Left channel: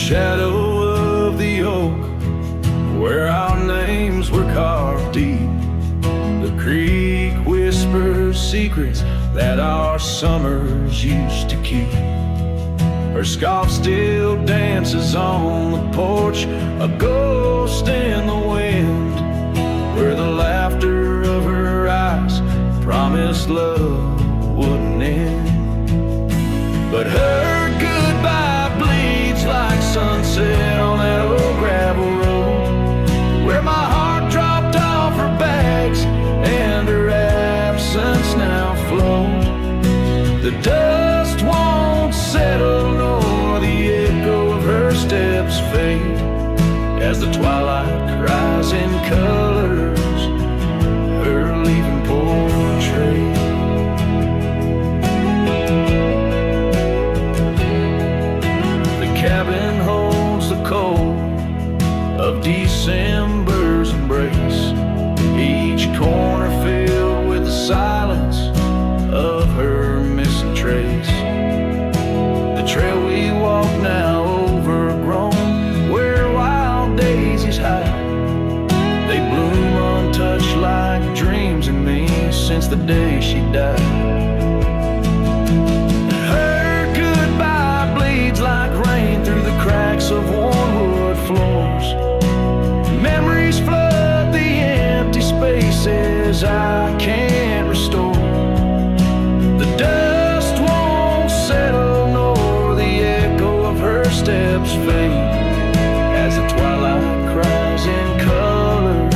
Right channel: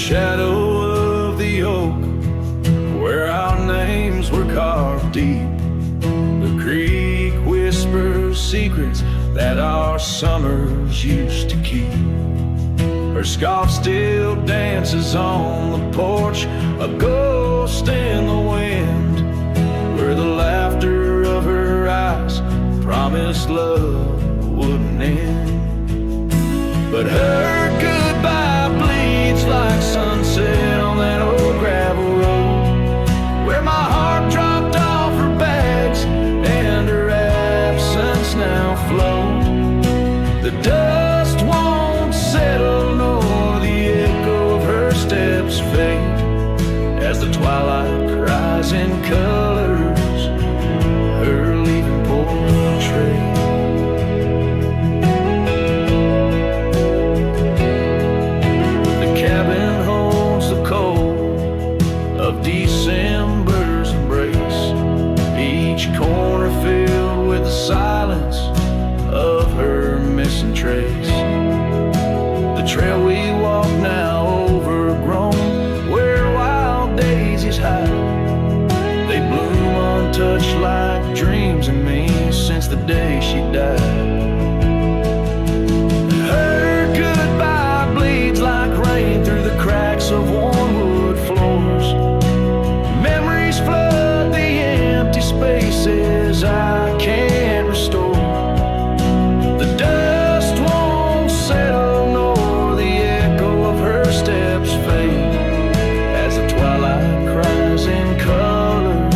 shadow of the oak, where our names were carved deep, the creek whispers secrets that our summers used to keep. Her scarf still dances on the porch, a ghost in the wind, where the laughter of her eyes promised love wouldn't end. But her goodbye bleeds like sunset on that old gravel road, where my heart dropped off her bags and her absence now flowed. The dust won't settle nor the echo of her steps fade, as the twilight cries in colors her leaving portrait. Cabin holds the cold of December's embrace, each corner filled with the silence of her missing trace. The trail we walk now overgrown, where wild daisies hide, they bloom untouched like dreams in me since the day she died. Like rain through the cracks of worn wood floors, memories flood the empty spaces I can't restore. The dust won't settle nor the echo of her steps fade, as the twilight cries in colors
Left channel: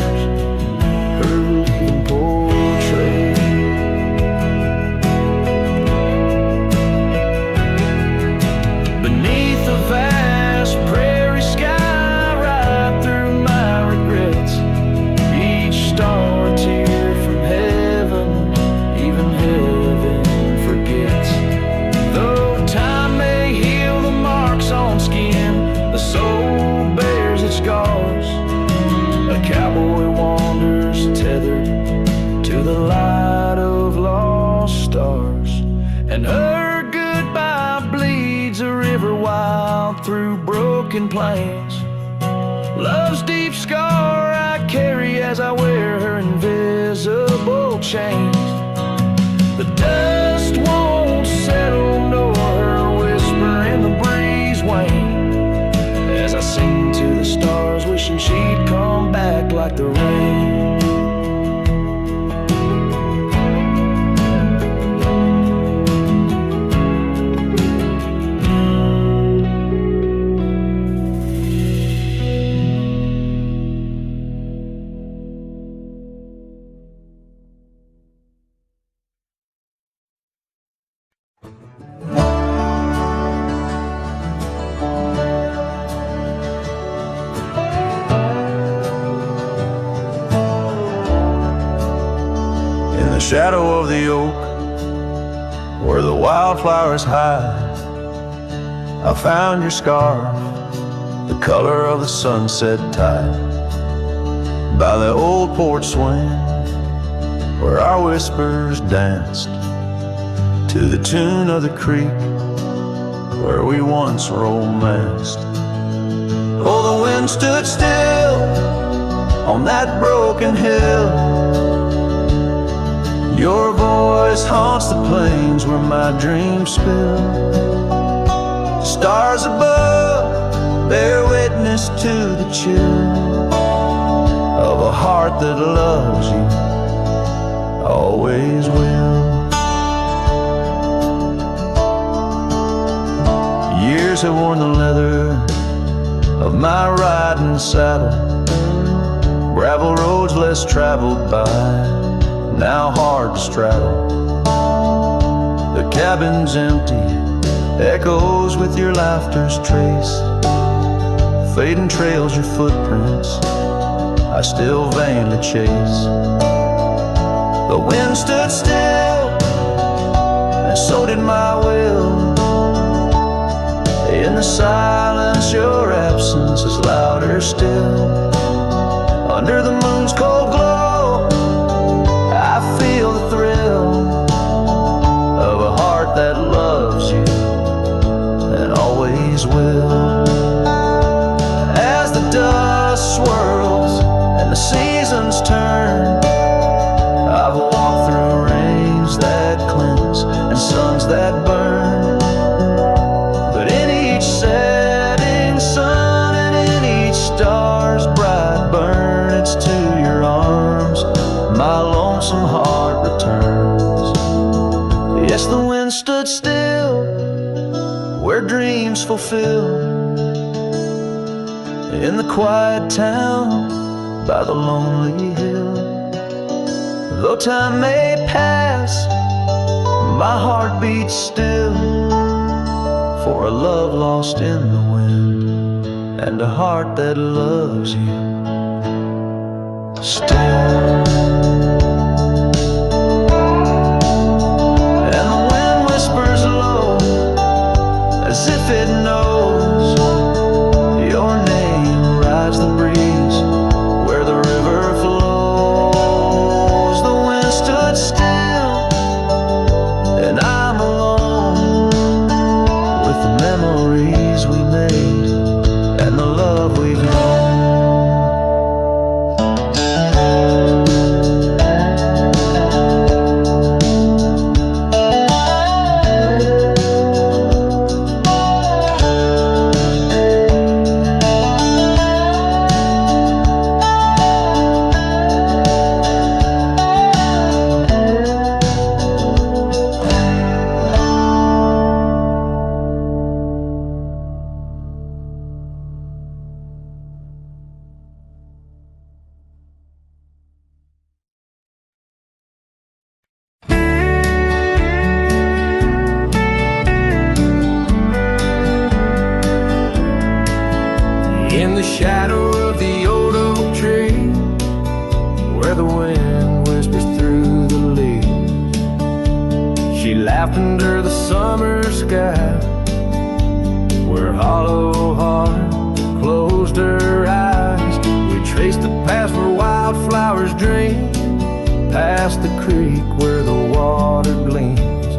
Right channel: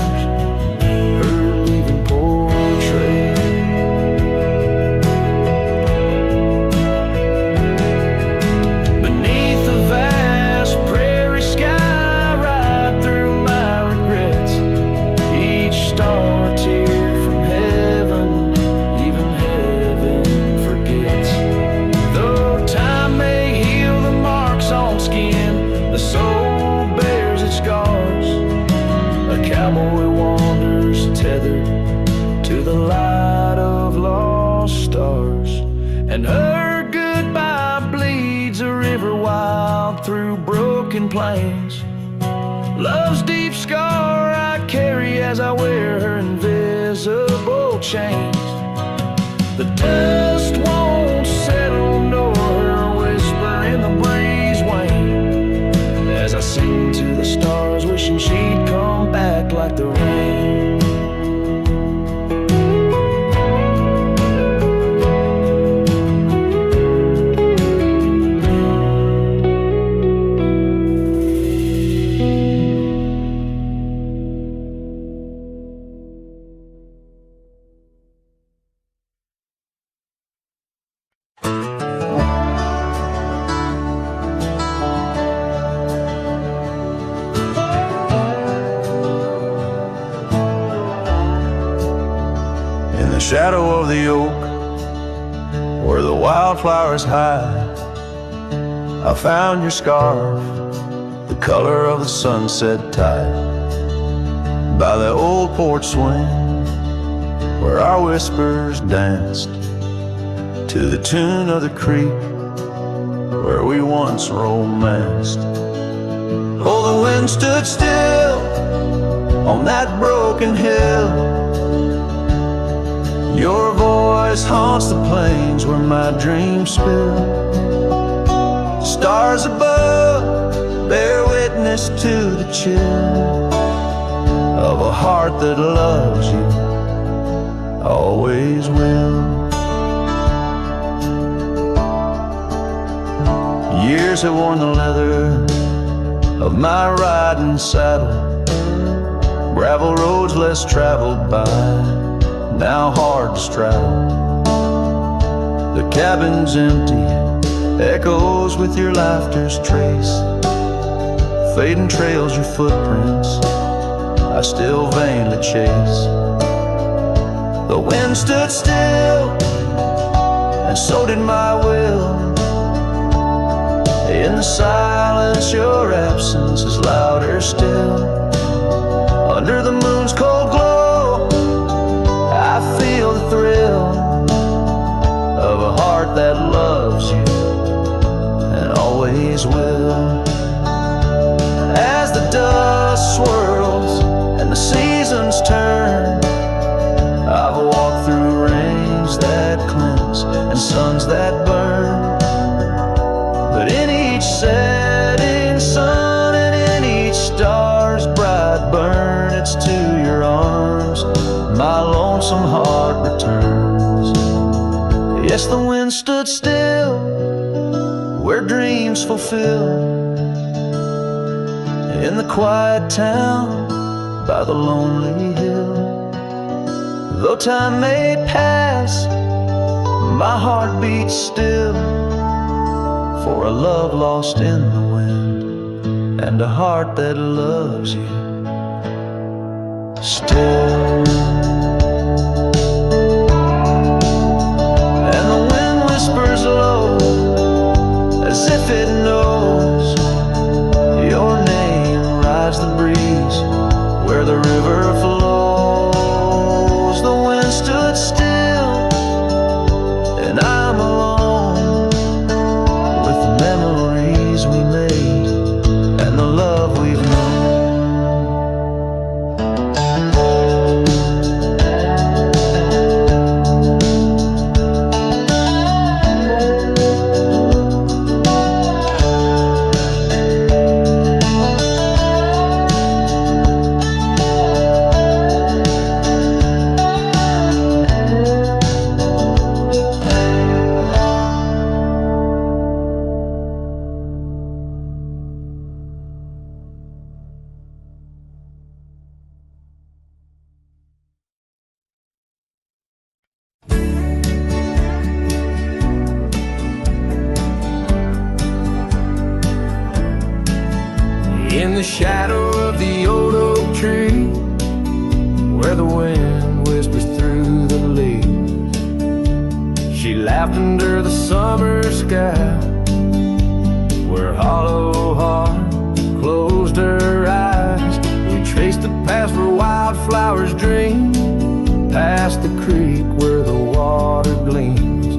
her leaving portrait. The soul bears its scars. A cowboy wanders tethered to the light of lost stars, and her goodbye bleeds a river wild through broken plains. Love's deep scar I carry as I wear her invisible chains. The dust won't settle nor her whisper in the breeze wane, as I sing to the stars, wishing she'd come back like the rain. Shadow of the oak, where the wildflowers hide, I found your scarf, the color of the sunset tide, by the old porch swing, where our whispers danced to the tune of the creek, where we once romanced. Oh, the wind stood still on that broken hill. Your voice haunts the plains where my dreams spill. Stars above bear witness to the chill of a heart that loves you, always will. Years have worn the leather of my riding saddle, gravel roads less traveled by, now hard to straddle. The cabin's empty, echoes with your laughter's trace, fading trails your footprints I still vainly chase. The wind stood still, and so did my will. In the silence your absence is louder still. Under the moon's cold glow I feel the thrill of a heart that loves you and always will. swirls and the seasons turn. I've walked through rains that cleanse and suns that burn, but in each setting sun and in each star's bright burn, it's to your arms my lonesome heart returns. Yes, the wind stood still where dreams fulfill, in the quiet town by the lonely hill. Though time may pass, my heart beats still, for a love lost in the wind and a heart that loves you still. And the wind whispers low as if it knows your name rides the breeze where the river flows. The wind stood still and I'm alone with the memories we made and the love we've known. In the shadow of the old oak tree, where the wind whispers through the leaves, she laughed under the summer sky, where hollow heart closed her eyes. We traced the path where wildflowers dream, past the creek where the water gleams.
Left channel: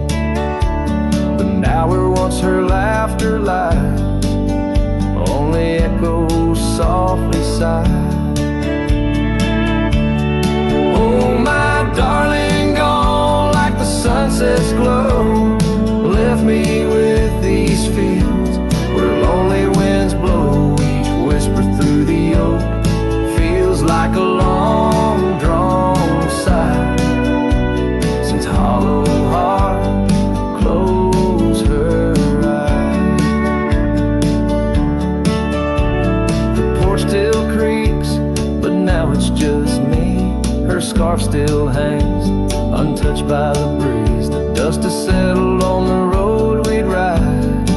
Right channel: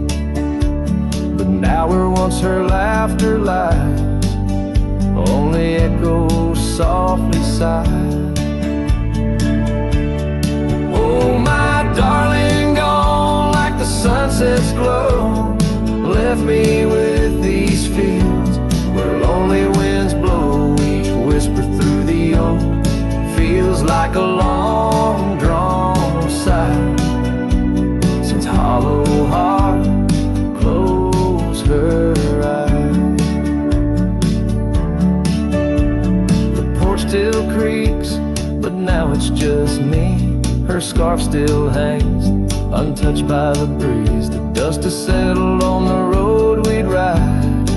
But now where once her laughter lies, only echoes softly sigh. Oh, my darling, gone like the sunset's glow, left me with these fields where lonely winds blow. Each whisper through the oak feels like a long drawn sigh, since hollow heart closed her eyes. Still creaks, but now it's just me. Her scarf still hangs, untouched by the breeze. The dust has settled on the road we'd ride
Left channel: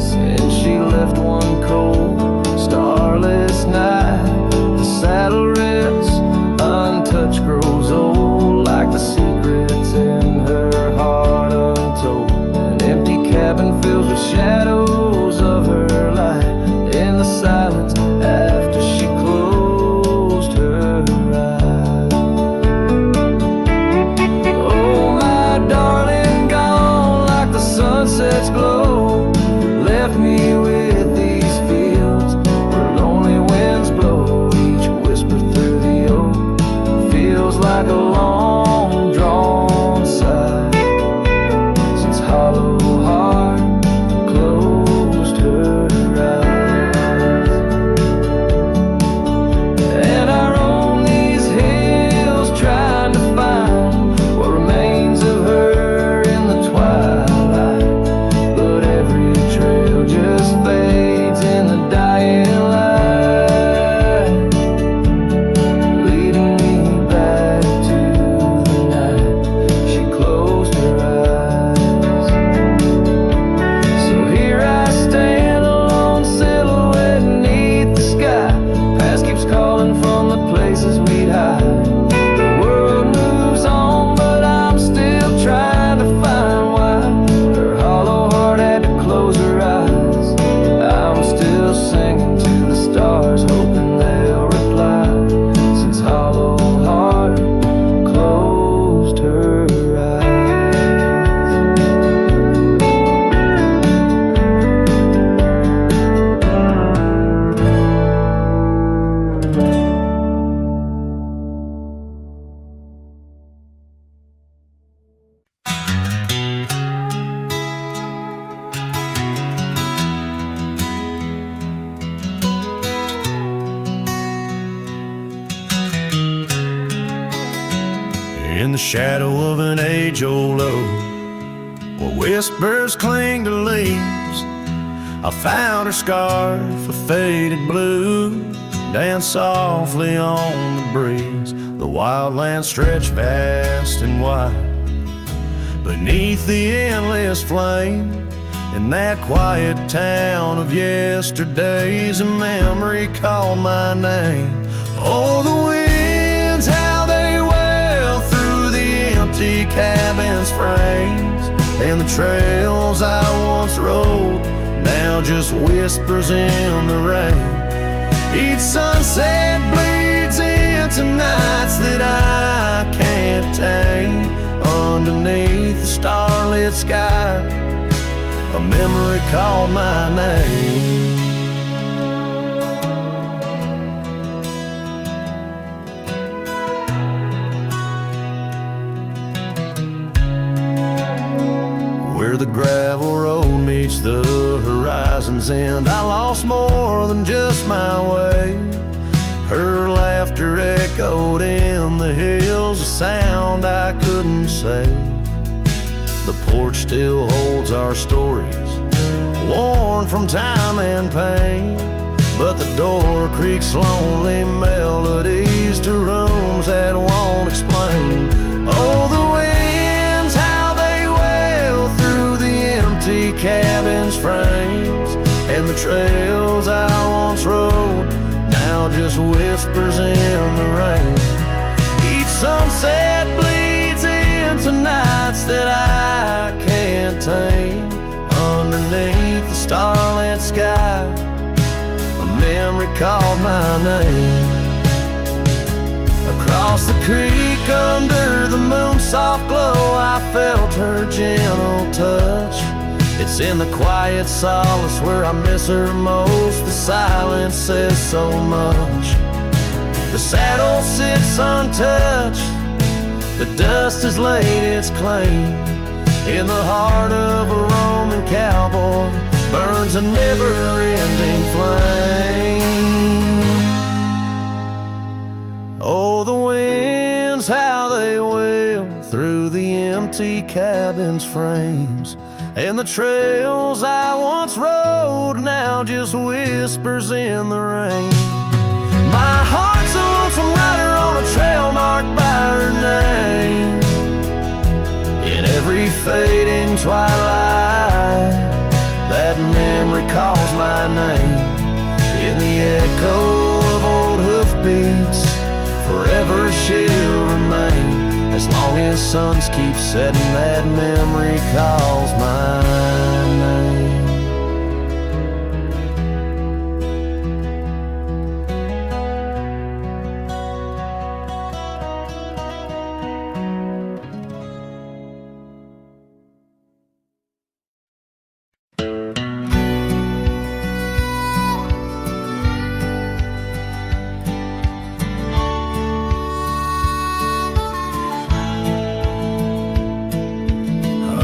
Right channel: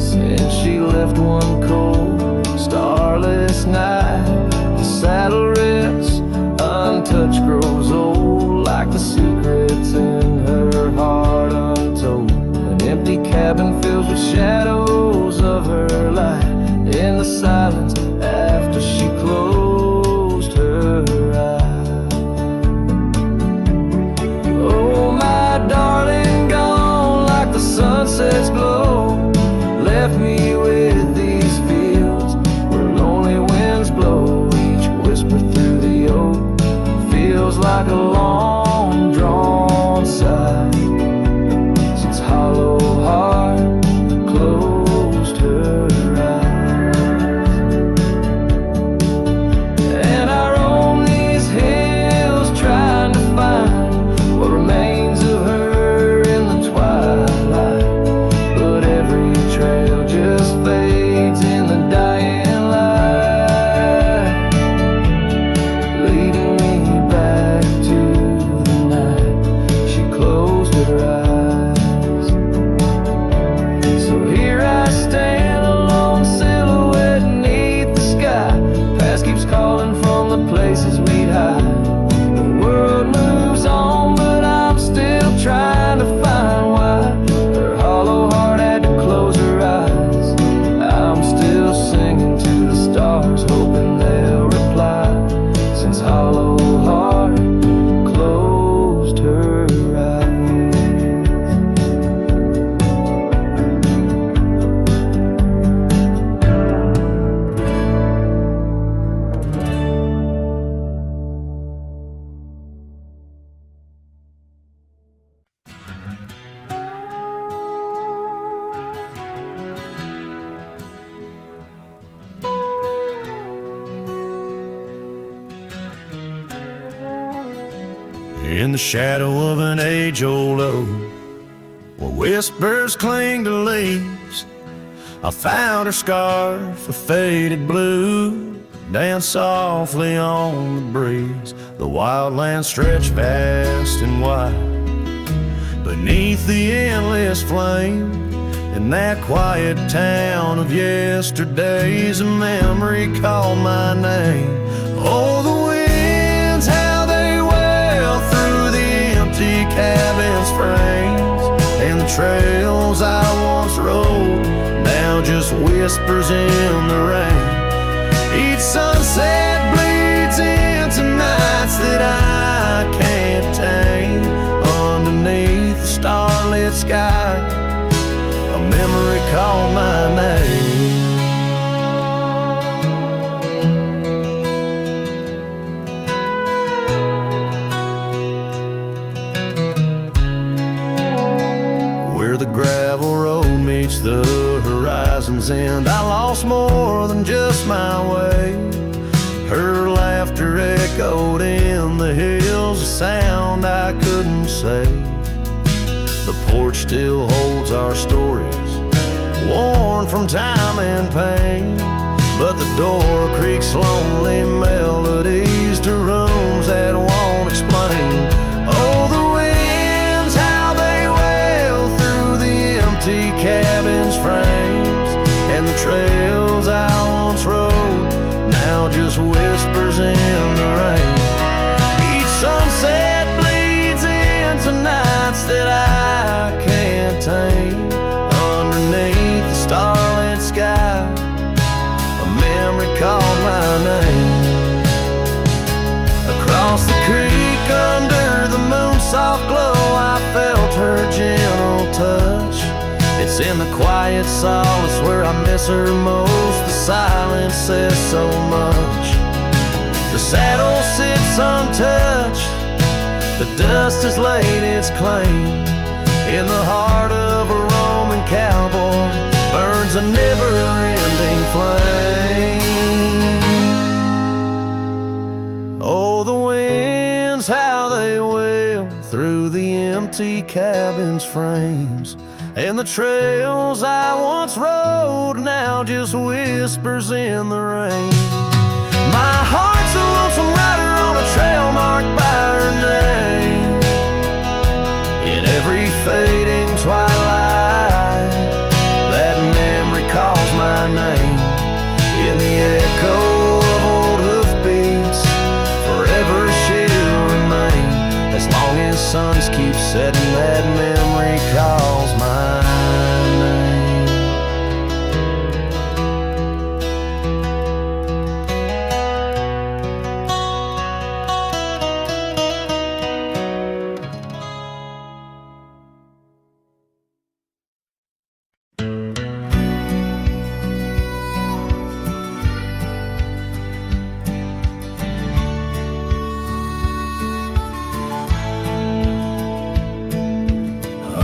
since she left one cold, starless night. The saddle rests, untouched, grows old, like the secrets in her heart untold. An empty cabin fills with shadows of her life in the silence after she closed her eyes. Oh, my darling, gone like the sunset's glow, left me with these fields where lonely winds blow. Each whisper through the oak feels like a long drawn sigh, since hollow heart closed her eyes. And I roam these hills trying to find what remains of her in the twilight, but every trail just fades in the dying light, leading me back to the night she closed her eyes. So here I stand, a lone silhouette beneath the sky. Past keeps calling from the places we'd hide. The world moves on, but I'm still trying to find why her hollow heart had to close her eyes. I'm still singing to the stars, hoping they'll reply, since hollow heart closed her eyes. in the shadow of an age-old oak, where whispers cling to leaves. I found her scarf, a faded blue, danced softly on the breeze. The wildlands stretched vast and wide beneath the endless flame. In that quiet town of yesterdays, a memory called my name. Oh, the winds, how they wail through the empty cabin's frames, and the trails I once rode, now just whispers in the rain. Each sunset bleeds into nights that I can't tame. Underneath the starlit sky, a memory called my name. Where the gravel road meets the horizon's end, I lost more than just my way. Her laughter echoed in the hills, a sound I couldn't say. The porch still holds our stories, worn from time and pain, but the door creaks lonely melodies to rooms that won't explain. Oh, the winds, how they wail through the empty cabin's frames, and the trails I once rode, now just whispers in the rain. Each sunset bleeds into nights that I can't tame. Underneath the starlit sky, a memory called my name. Across the creek under the moon's soft glow, I felt her gentle touch. It's in the quiet solace where I miss her most. The silence says so much. The saddle sits untouched, the dust has laid its claim. In the heart of a Roman cowboy burns a never-ending flame. Oh, the winds, how they wail through the empty cabin's frames, and the trails I once rode, now just whispers in the rain. My heart's a lonesome rider on a trail marked by her name. In every fading twilight, that memory calls my name. In the echo of old hoofbeats, forever she'll remain. As long as suns keep setting, that memory calls my name.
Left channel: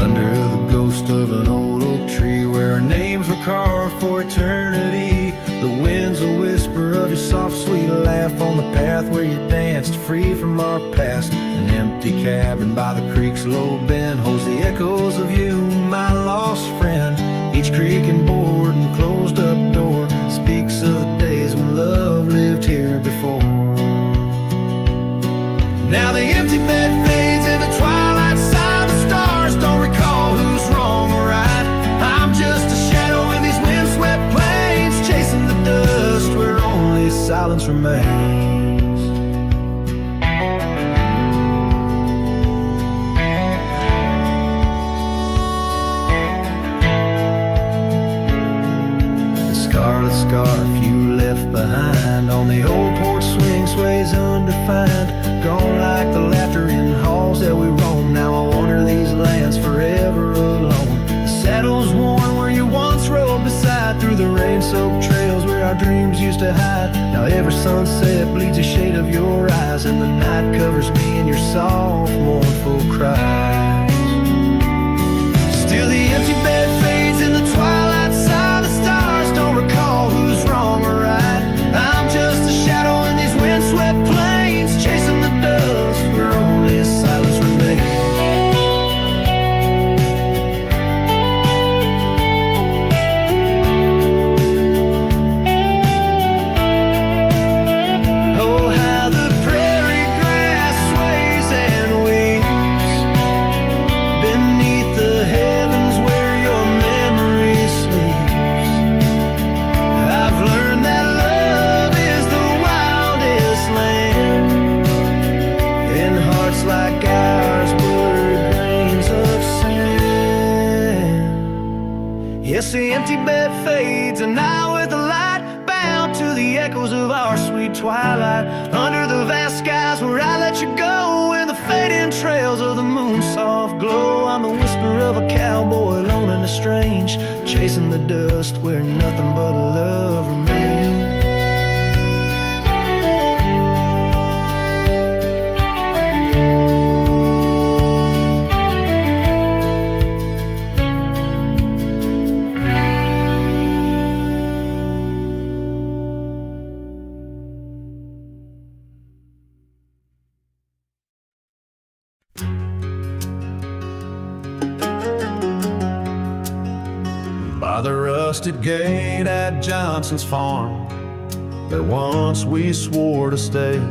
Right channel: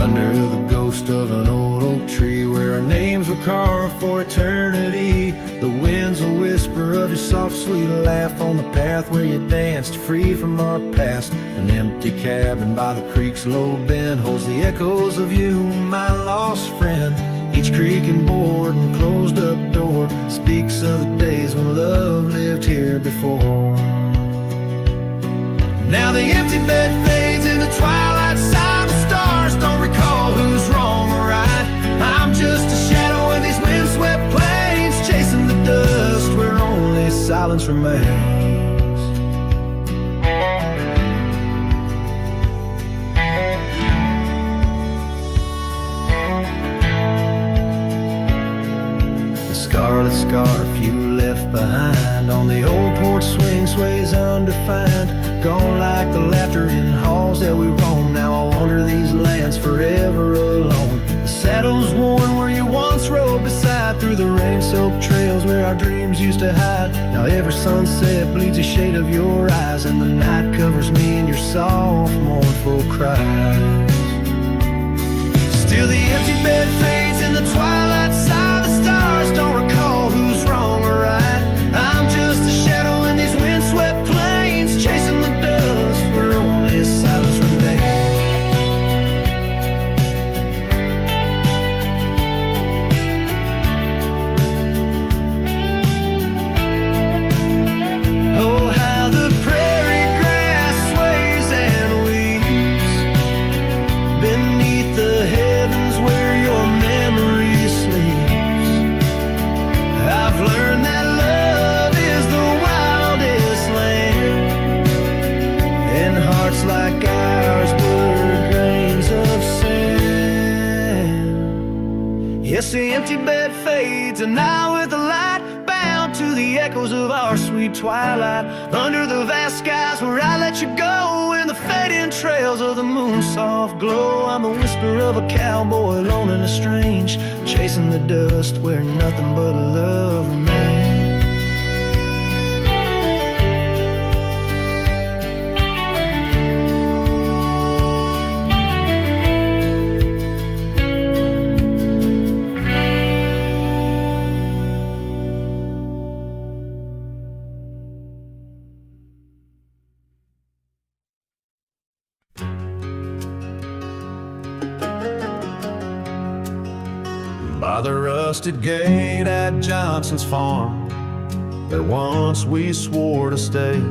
Under the ghost of an old oak tree, where our names were carved for eternity, the wind's a whisper of your soft, sweet laugh on the path where you danced, free from our past. An empty cabin by the creek's low bend holds the echoes of you, my lost friend. Each creaking board and closed up door speaks of the days when love lived here before. Now the empty bed fades in the twilight side. The stars don't recall who's wrong or right. I'm just a shadow in these windswept plains, chasing the dust where only silence remains. Scarlet scarf you left behind on the old porch swing sways undefined, gone like the laughter in halls that we roam. Now I wander these lands forever alone. The saddle's worn where you once rode beside, through the rain-soaked trails where our dreams used to hide. Now every sunset bleeds a shade of your eyes, and the night covers me in your soft, mournful cries. Still the empty bed fades in the twilight side. The stars don't recall who's wrong or right. I'm just a shadow in these windswept plains, chasing the dust where only silence sleeps. I've learned that love is the wildest land, and hearts like ours were grains of sand. Yes, the empty bed fades, and I with the light, bound to the echoes of our sweet twilight, under the vast skies where I let you go, in the fading trails of the moon's soft glow. I'm the whisper of a cowboy, lone and strange, chasing the dust where nothing but love remains. By the rusted gate at Johnson's farm, there once we swore to stay,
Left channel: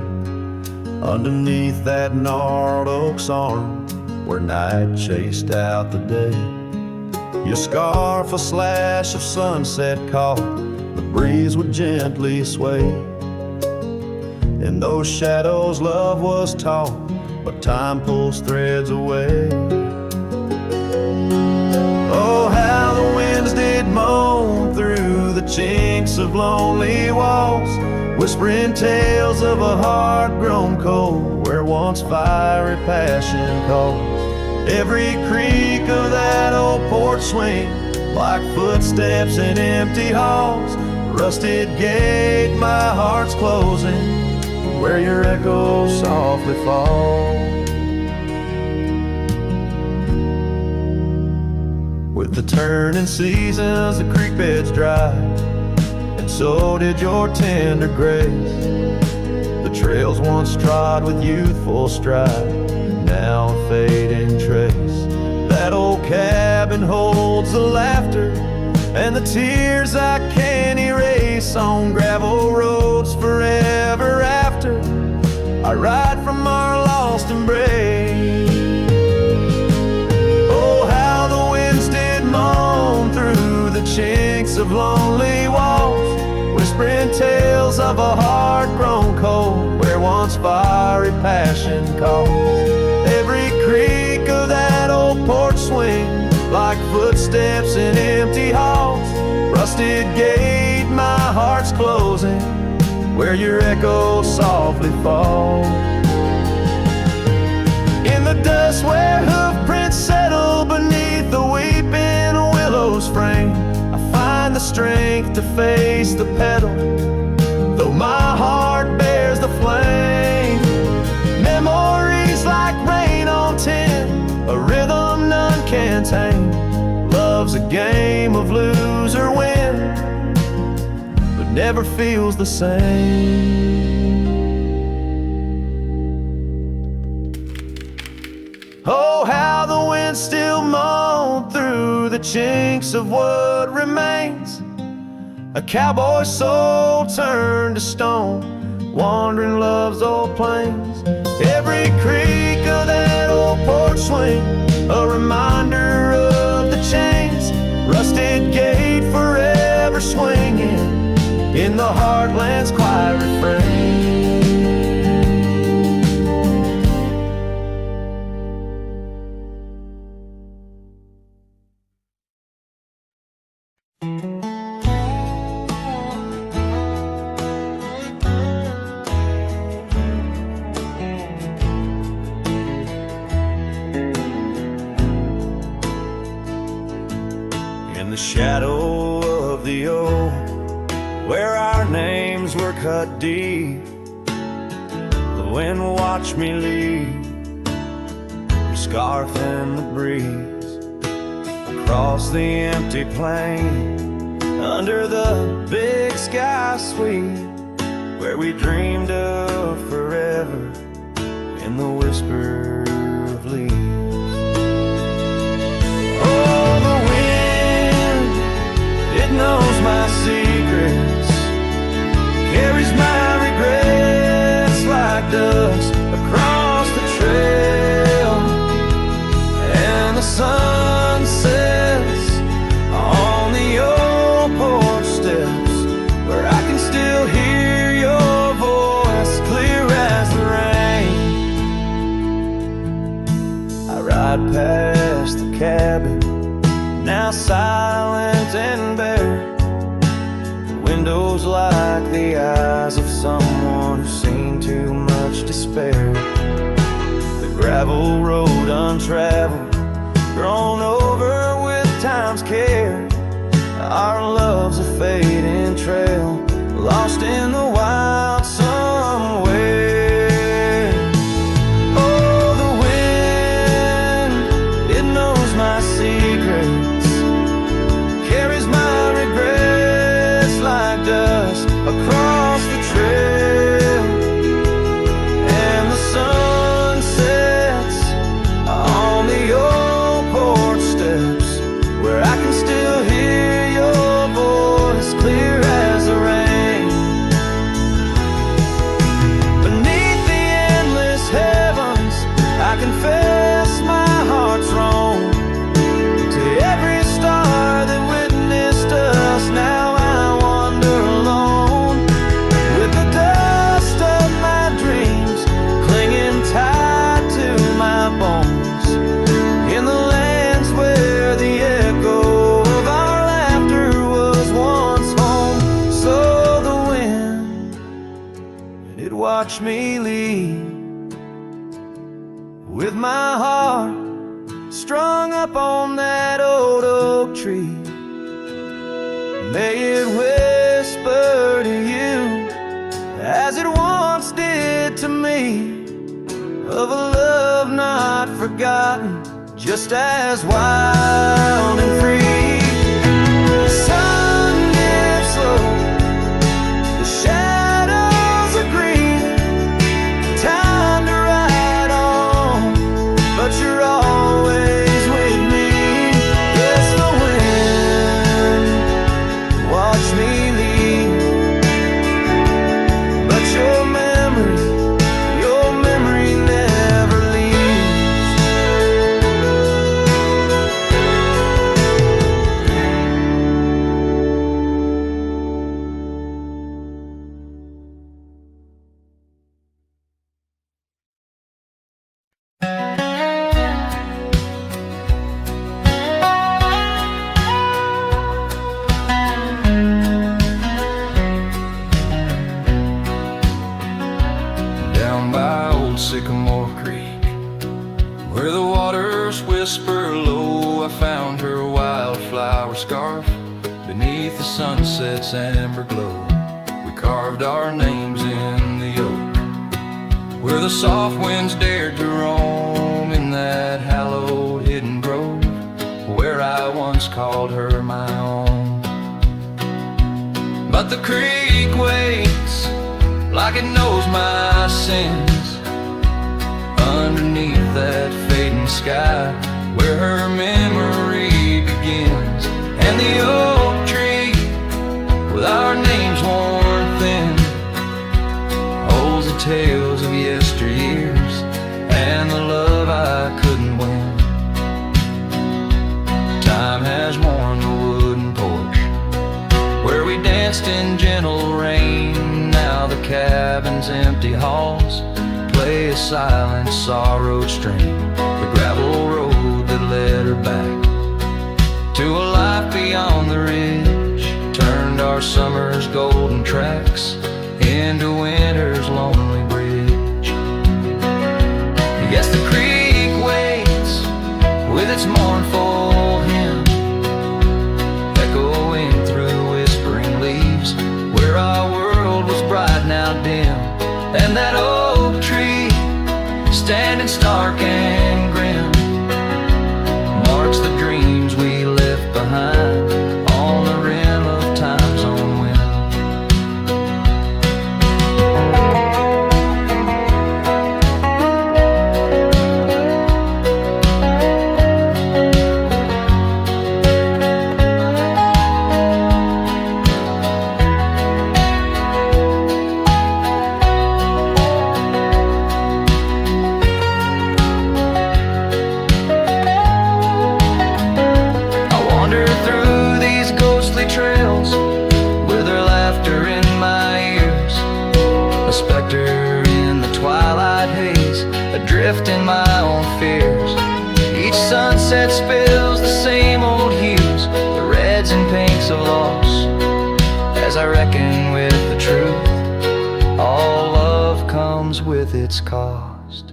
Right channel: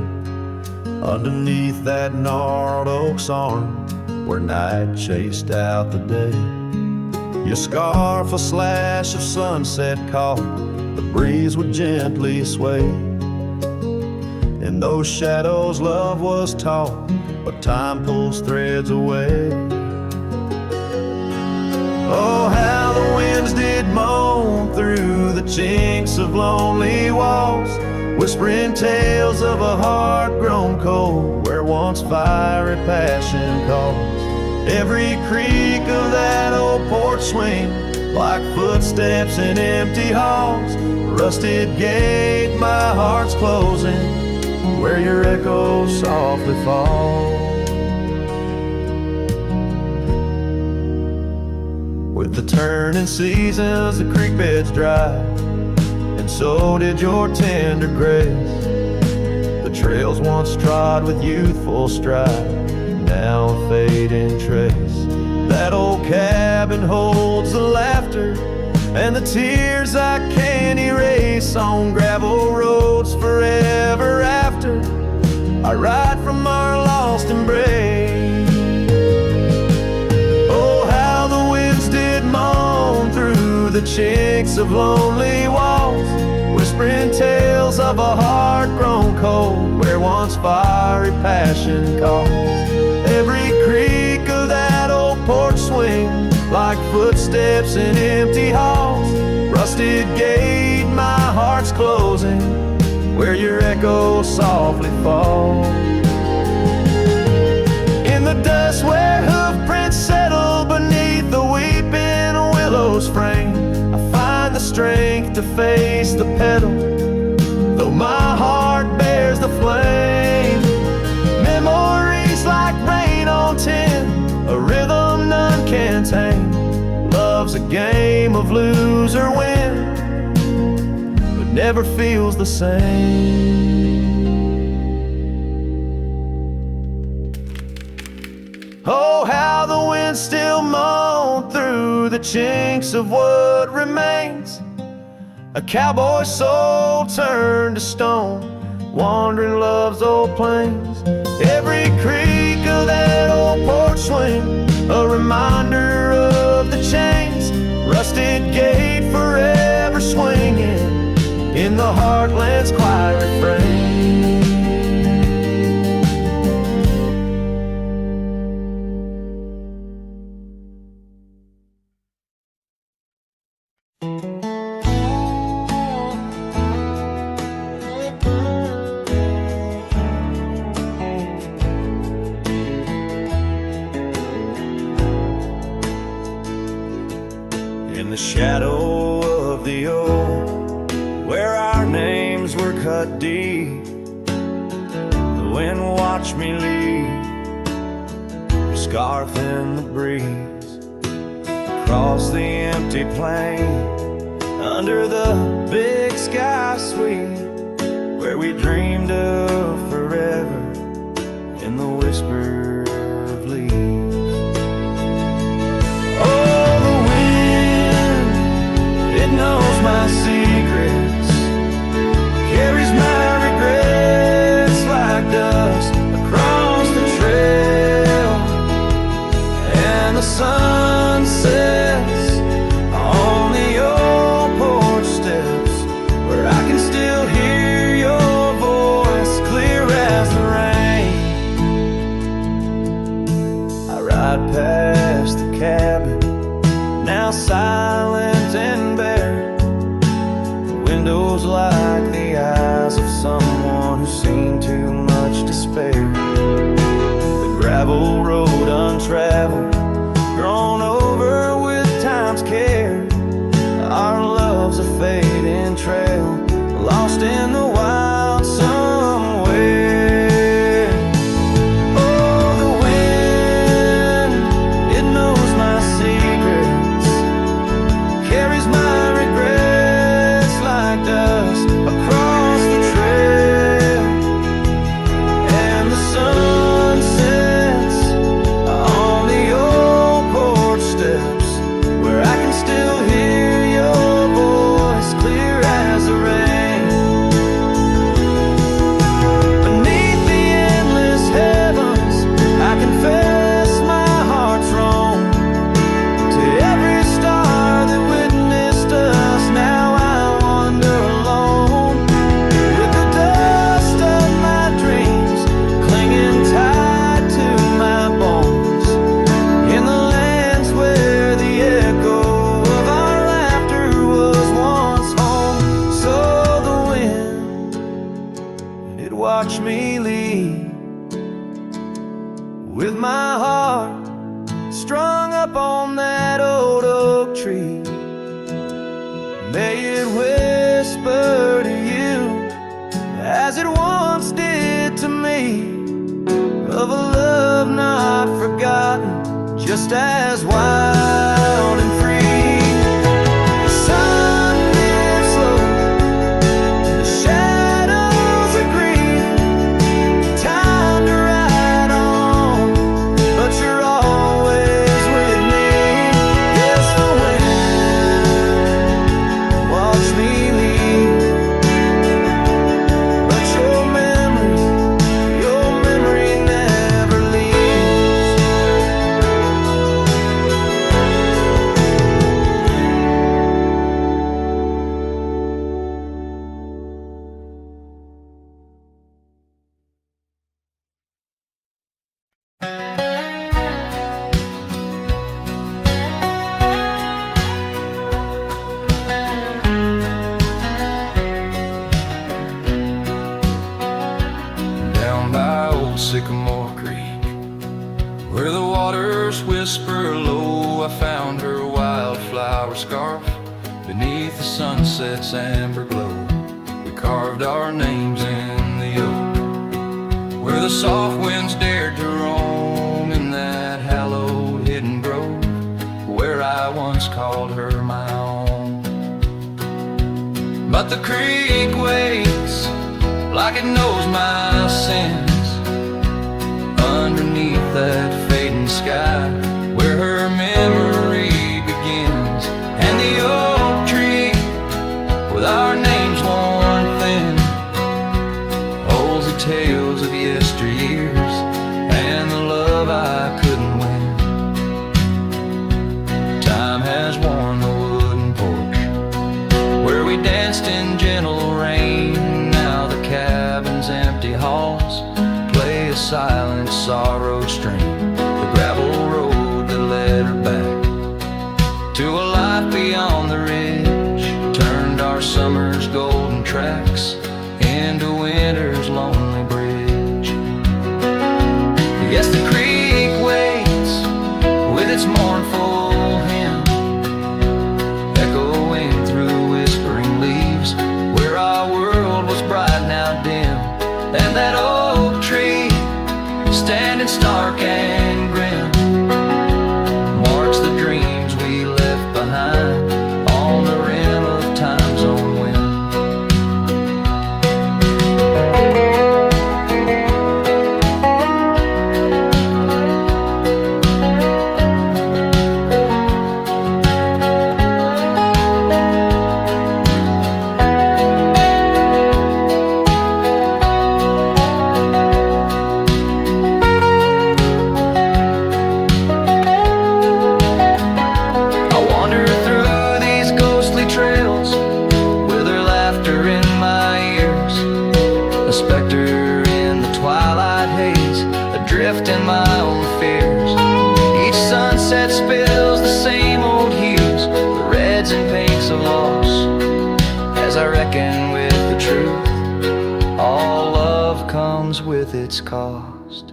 underneath that gnarled oak's arm, where night chased out the day. Your scarf a slash of sunset caught, the breeze would gently sway. In those shadows love was taught, but time pulls threads away. Oh, how the winds did moan through the chinks of lonely walls, whispering tales of a heart grown cold, where once fiery passion calls. Every creak of that old porch swing, like footsteps in empty halls, rusted gate my heart's closing, where your echo softly falls. With the turning seasons, the creek beds dry, and so did your tender grace. The trails once trod with youthful stride, now a fading trace. That old cabin holds the laughter and the tears I can't erase, on gravel roads forever after I ride from our lost embrace. Moan through the chinks of lonely walls, whispering tales of a heart grown cold, where once fiery passion calls. Every creak of that old porch swing, like footsteps in empty halls, rusted gate my heart's closing, where your echo softly falls. In the dust where hoof prints settle beneath the weeping willow's frame, I find the strength to face the pedal, though my heart bears the flame. Memories like rain on tin, a rhythm none can tame. Love's a game of lose or win, but never feels the same. Oh, how the wind still moan through the chinks of what remains, a cowboy soul turned to stone, wandering love's old plains. Every creak of that old porch swing, a reminder of the chains, rusted gate forever swinging in the heartland's quiet refrain. In the shadow of the oak, where our names were cut deep, the wind watched me leave, your scarf in the breeze, across the empty plain, under the big sky sweet, where we dreamed of forever in the whisper of leaves. Oh, the wind, it knows my secrets, carries my regrets like dust across the trail, and the sun sets on the cabin, now silent and bare. The windows like the eyes of someone who's seen too much despair. The gravel road untraveled, grown over with time's care. Our love's a fading trail, lost in the wild somewhere. Oh, the wind, it knows my secrets, carries my regrets like dust across the trail. And the sun sets on the old porch steps, where I can still hear your voice clear as the rain. Beneath the endless heavens, I confess my heart's wrong. To every star that witnessed us, now I wander alone, with the dust of my dreams clinging tight to my bones, in the lands where the echo of our laughter was once home. So the wind, it watched me leave, with my heart strung up on that old oak tree. May it whisper to you, as it once did to me, of a love not forgotten, just as wild and free. The sun dips low, the shadows agree, time to ride on, but you're always with me. Yes, the wind, watch me leave, but your memory never leaves. Down by old Sycamore Creek, where the waters whisper low, I found her wildflower scarf beneath the sunset's amber glow. We carved our names in the oak, where the soft winds dared to roam, in that hallowed hidden grove, where I once called her my own. But the creek waits like it knows my sins, underneath that fading sky, where her memory begins. And the oak tree, with our names worn thin, holds the tales of yesteryears and the love I couldn't win. Time has worn the wooden porch, where we danced in gentle rain. Now the cabin's empty halls play a silent sorrowed strain. The gravel road that led her back to a life beyond the ridge turned our summer's golden tracks into winter's lonely bridge. Yes, the creek waits with its mournful hymn, echoing through whispering leaves, where our world was bright now dim. And that oak tree, standing stark and grim, marks the dreams we left behind on the rim of time's own wind. Trails with her laughter in my ears, a specter in the twilight haze, adrift in my own fears. Each sunset spills the same old hues, the reds and pinks of loss. As I reckon with the truth, all love comes with its cost.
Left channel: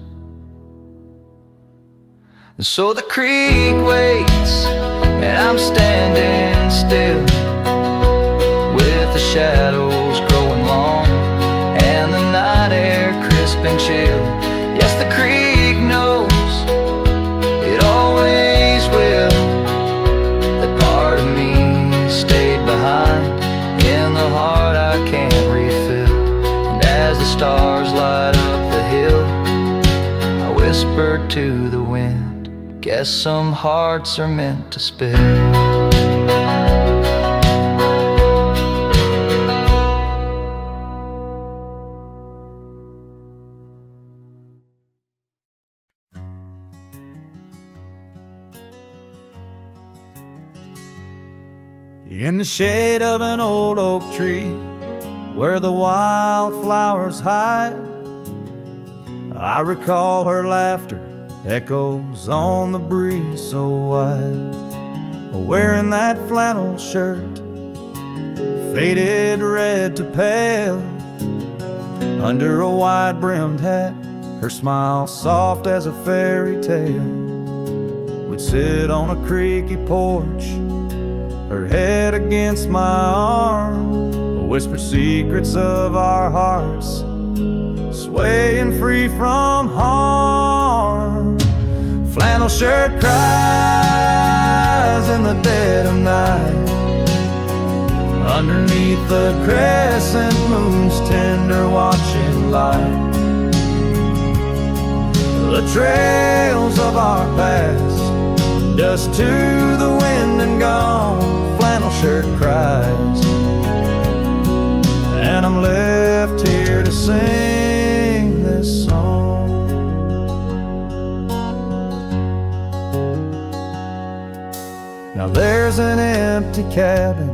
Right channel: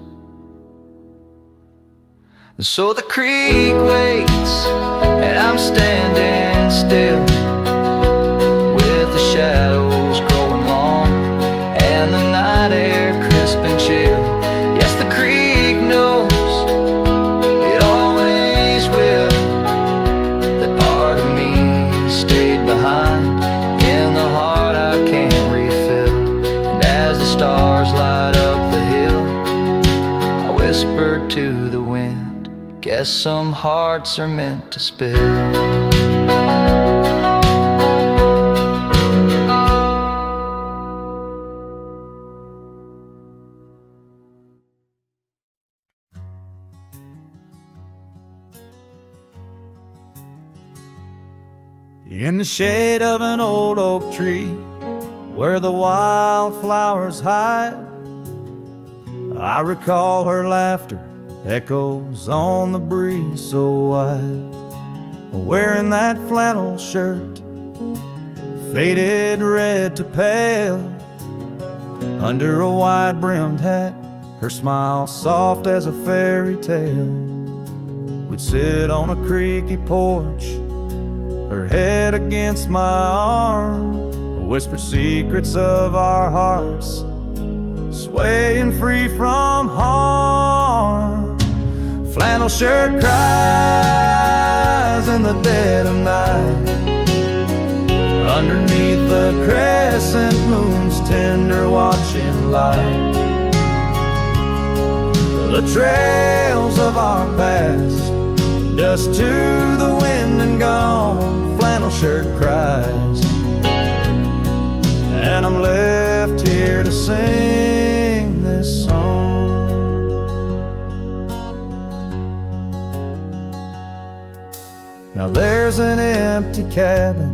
And so the creek waits, and I'm standing still, with the shadows growing long and the night air crisp and chill. Yes, the creek knows, it always will, that part of me stayed behind in the heart I can't refill. And as the stars light up the hill, I whispered to the wind, guess some hearts are meant to spill. In the shade of an old oak tree, where the wildflowers hide, I recall her laughter echoes on the breeze so wide. Wearing that flannel shirt, faded red to pale, under a wide-brimmed hat, her smile soft as a fairy tale. We'd sit on a creaky porch, her head against my arm, whispered secrets of our hearts, swaying free from harm. Flannel shirt cries in the dead of night, underneath the crescent moon's tender watching light. The trails of our past, dust to the wind and gone. Flannel shirt cries, and I'm left here to sing this song. Now there's an empty cabin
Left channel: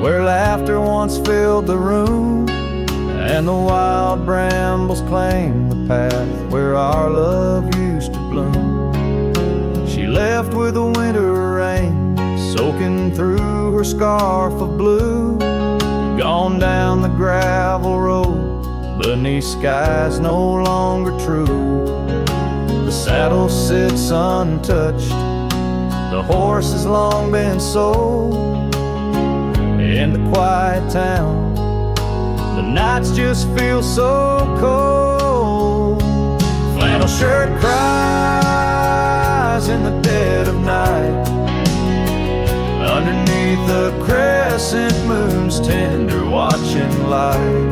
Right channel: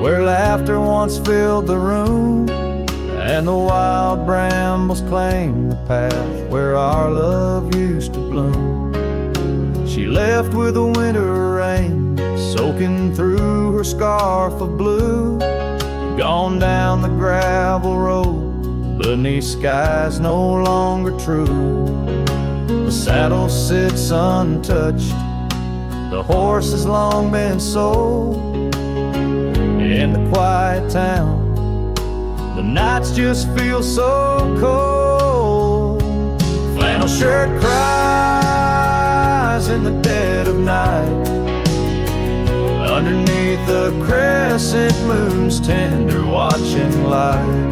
where laughter once filled the room, and the wild brambles claim the path where our love used to bloom. She left with the winter rain soaking through her scarf of blue, gone down the gravel road beneath skies no longer true. The saddle sits untouched, the horse has long been sold. In the quiet town, the nights just feel so cold. Flannel shirt cries in the dead of night, underneath the crescent moon's tender watching light.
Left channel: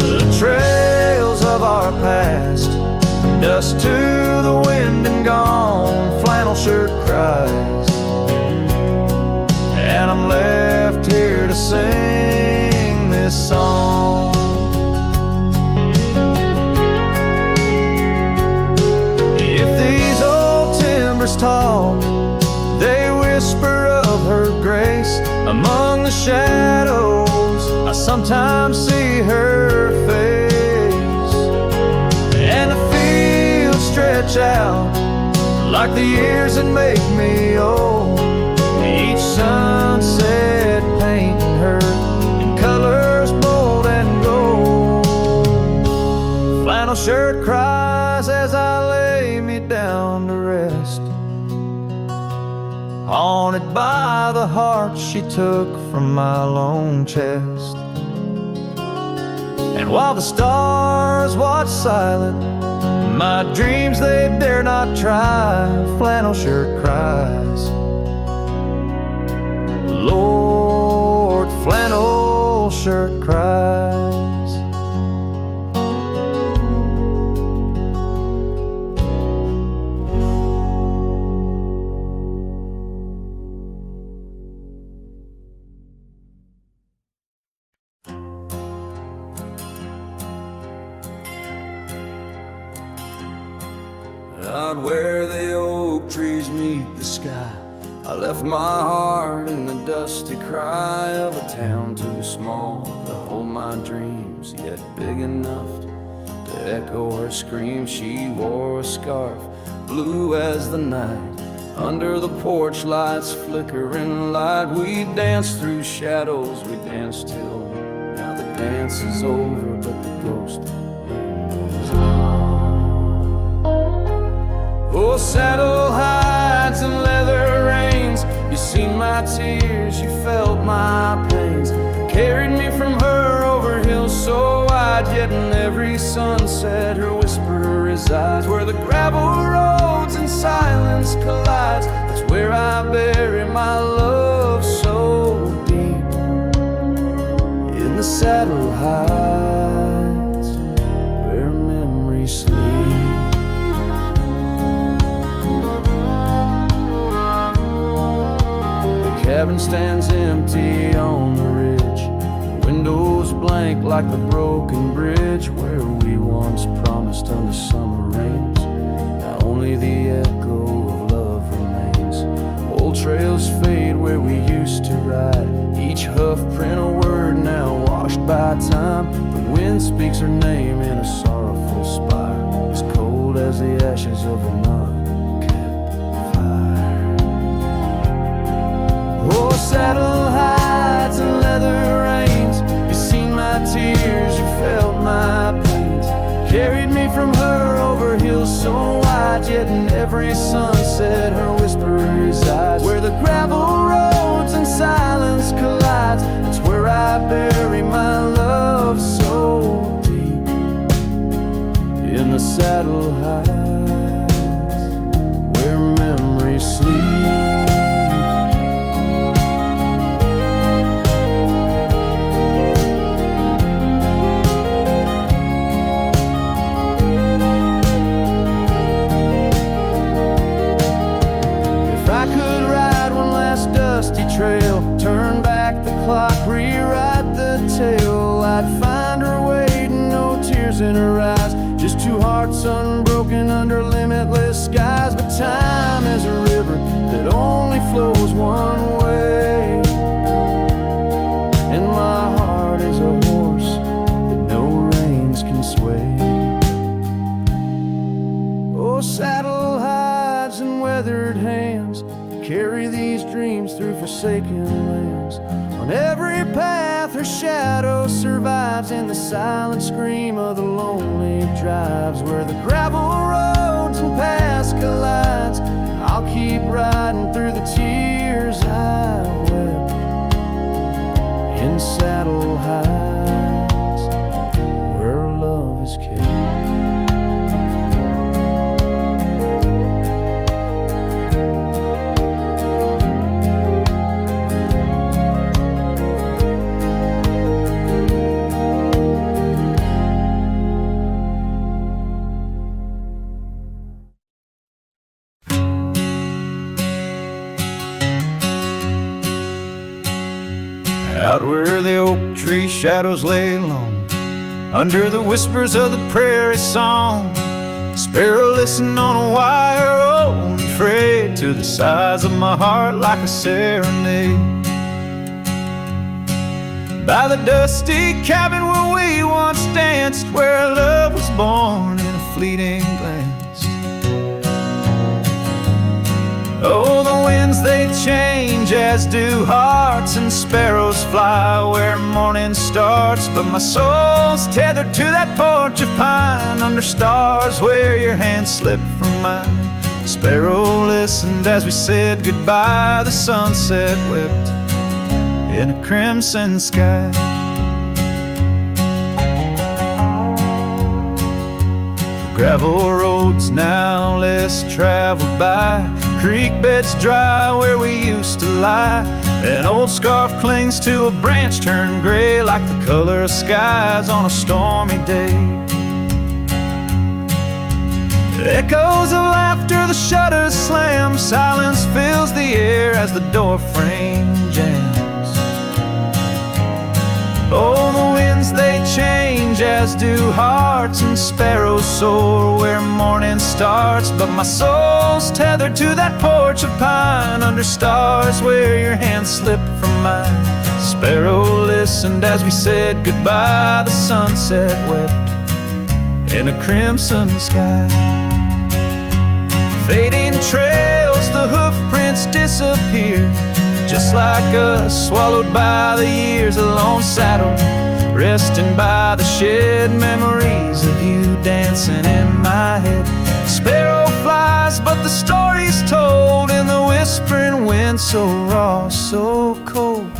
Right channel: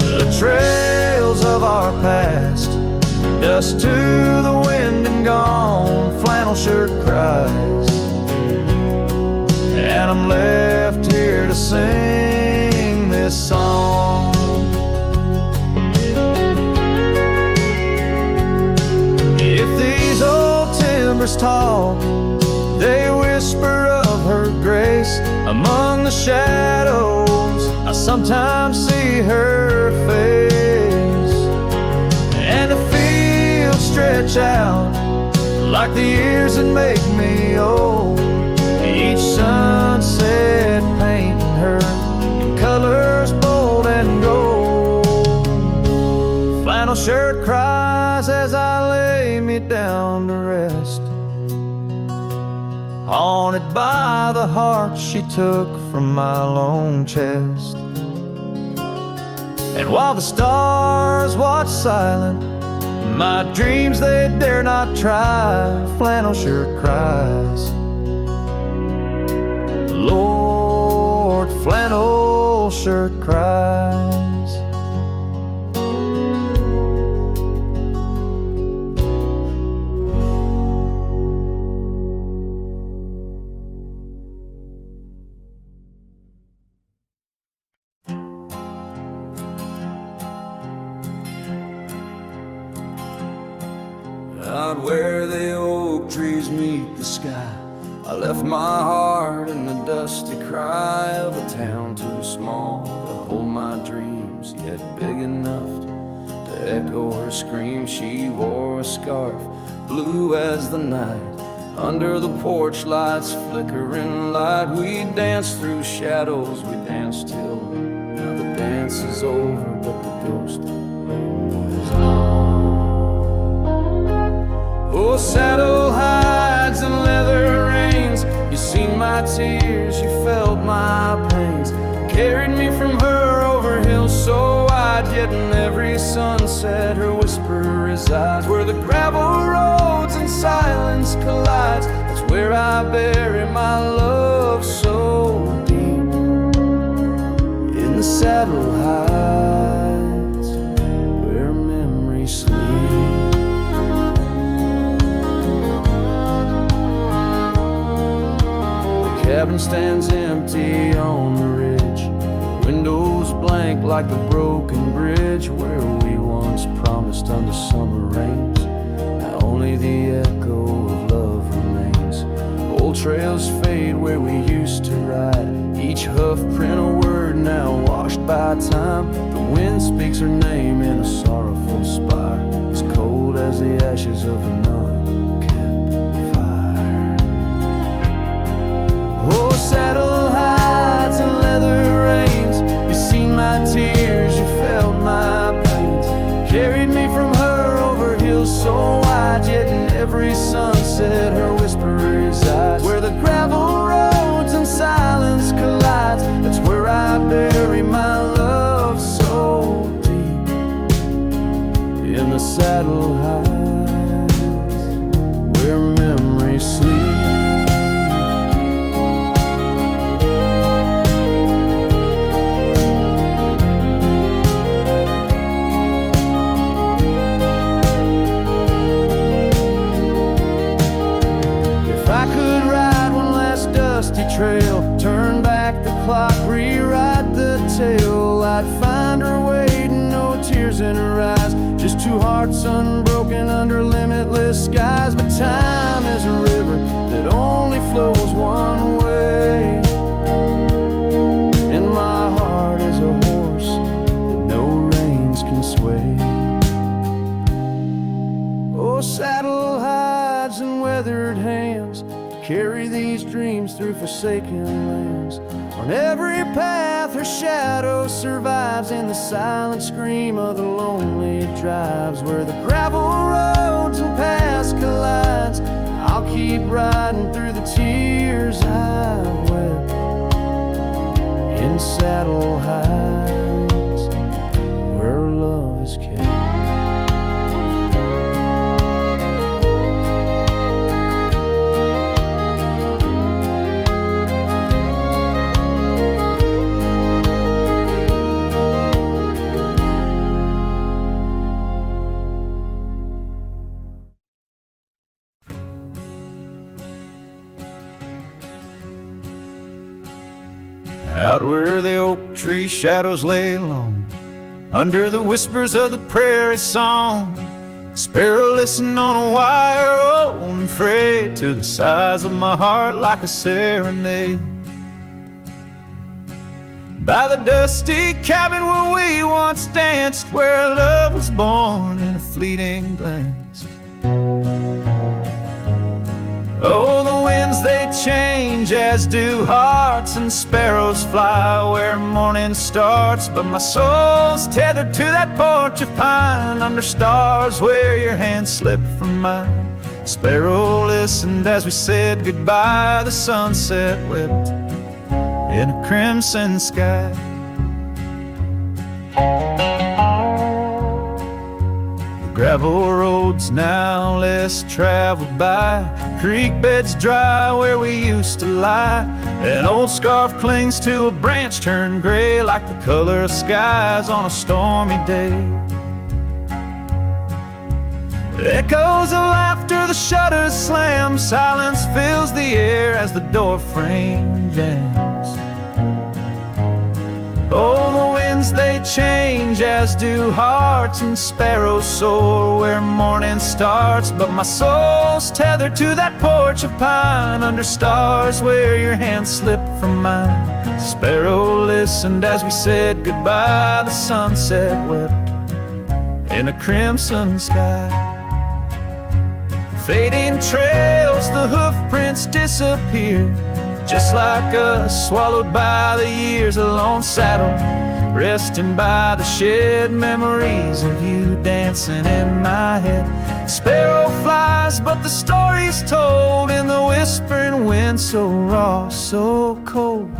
The trails of our past, dust to the wind and gone. Flannel shirt cries, and I'm left here to sing this song. If these old timbers talk, they whisper of her grace. Among the shadows, I sometimes see her face, and the fields stretch out like the years that make me old. Each sunset painting her in colors bold and gold. Flannel shirt cries as I lay me down to rest, haunted by the heart she took from my lone chest. And while the stars watch silent, my dreams they dare not try. Flannel shirt cries, Lord, flannel shirt cries. Out where the oak trees meet the sky, I left my heart in the dusty cry of a town too small to hold my dreams, yet big enough to echo her scream. She wore a scarf blue as the night. Under the porch lights flickering light, we danced through shadows, we danced till now the dance is over, but the ghost is gone. Oh, saddle hides and leather reins, you seen my tears, you felt my pains. Carried me from her over hills so wide, yet in every sunset her whisper resides. Where the gravel roads and silence collides, that's where I bury my love so deep. In the saddle hides, where memories sleep. The cabin stands empty on the ridge, windows blank like the broken bridge where we once promised under summer rains. Now only the echo of love remains. Old trails fade where we used to ride, each hoof print a word now washed by time. The wind speaks her name in a sorrowful spire, as cold as the ashes of a unkept fire. Oh, saddle hides and leather reins, you seen my tears, you felt my pains. Carried me from her over hills so wide, yet in every sunset her whisper resides. Where the gravel roads and silence collides, that's where I bury my love so deep. In the saddle hides, where memories sleep. I could ride one last dusty trail, turn back the clock, rewrite the tale, I'd find her waiting, no tears in her eyes, just two hearts unbroken under limitless skies. But time is a river that only flows one way, and my heart is a horse that no reins can sway. Oh, saddle hides and weathered hands, carry these dreams through forsaken lands. On every path her shadow survives, in the silent scream of the lonely drives. Where the gravel roads and paths collides, I'll keep riding through the tears I've wept. In saddle hides, where love is kept. Out where the oak tree shadows lay long, under the whispers of the prairie song, sparrow listen on a wire, old and frayed, to the size of my heart like a serenade. By the dusty cabin where we once danced, where love was born in a fleeting glance. Oh, the winds they change, as do hearts, and sparrows fly where morning starts. But my soul's tethered to that porch of pine, under stars where your hand slipped from mine. The sparrow listened as we said goodbye, the sunset wept in a crimson sky. Gravel roads now less traveled by, creek beds dry where we used to lie. An old scarf clings to a branch turned gray, like the color of skies on a stormy day. Echoes of laughter, the shutters slam, silence fills the air as the door frame jams. Oh, the winds they change, as do hearts, and sparrows soar where morning starts. But my soul's tethered to that porch of pine, under stars where your hand slipped from mine. Sparrow listened as we said goodbye, the sunset wept in a crimson sky. Fading trails, the hoof prints disappear, just like us, swallowed by the years. A lone saddle, resting by the shed, memories of you dancing in my head. Sparrow flies, but the story's told in the whispering wind, so raw, so cold.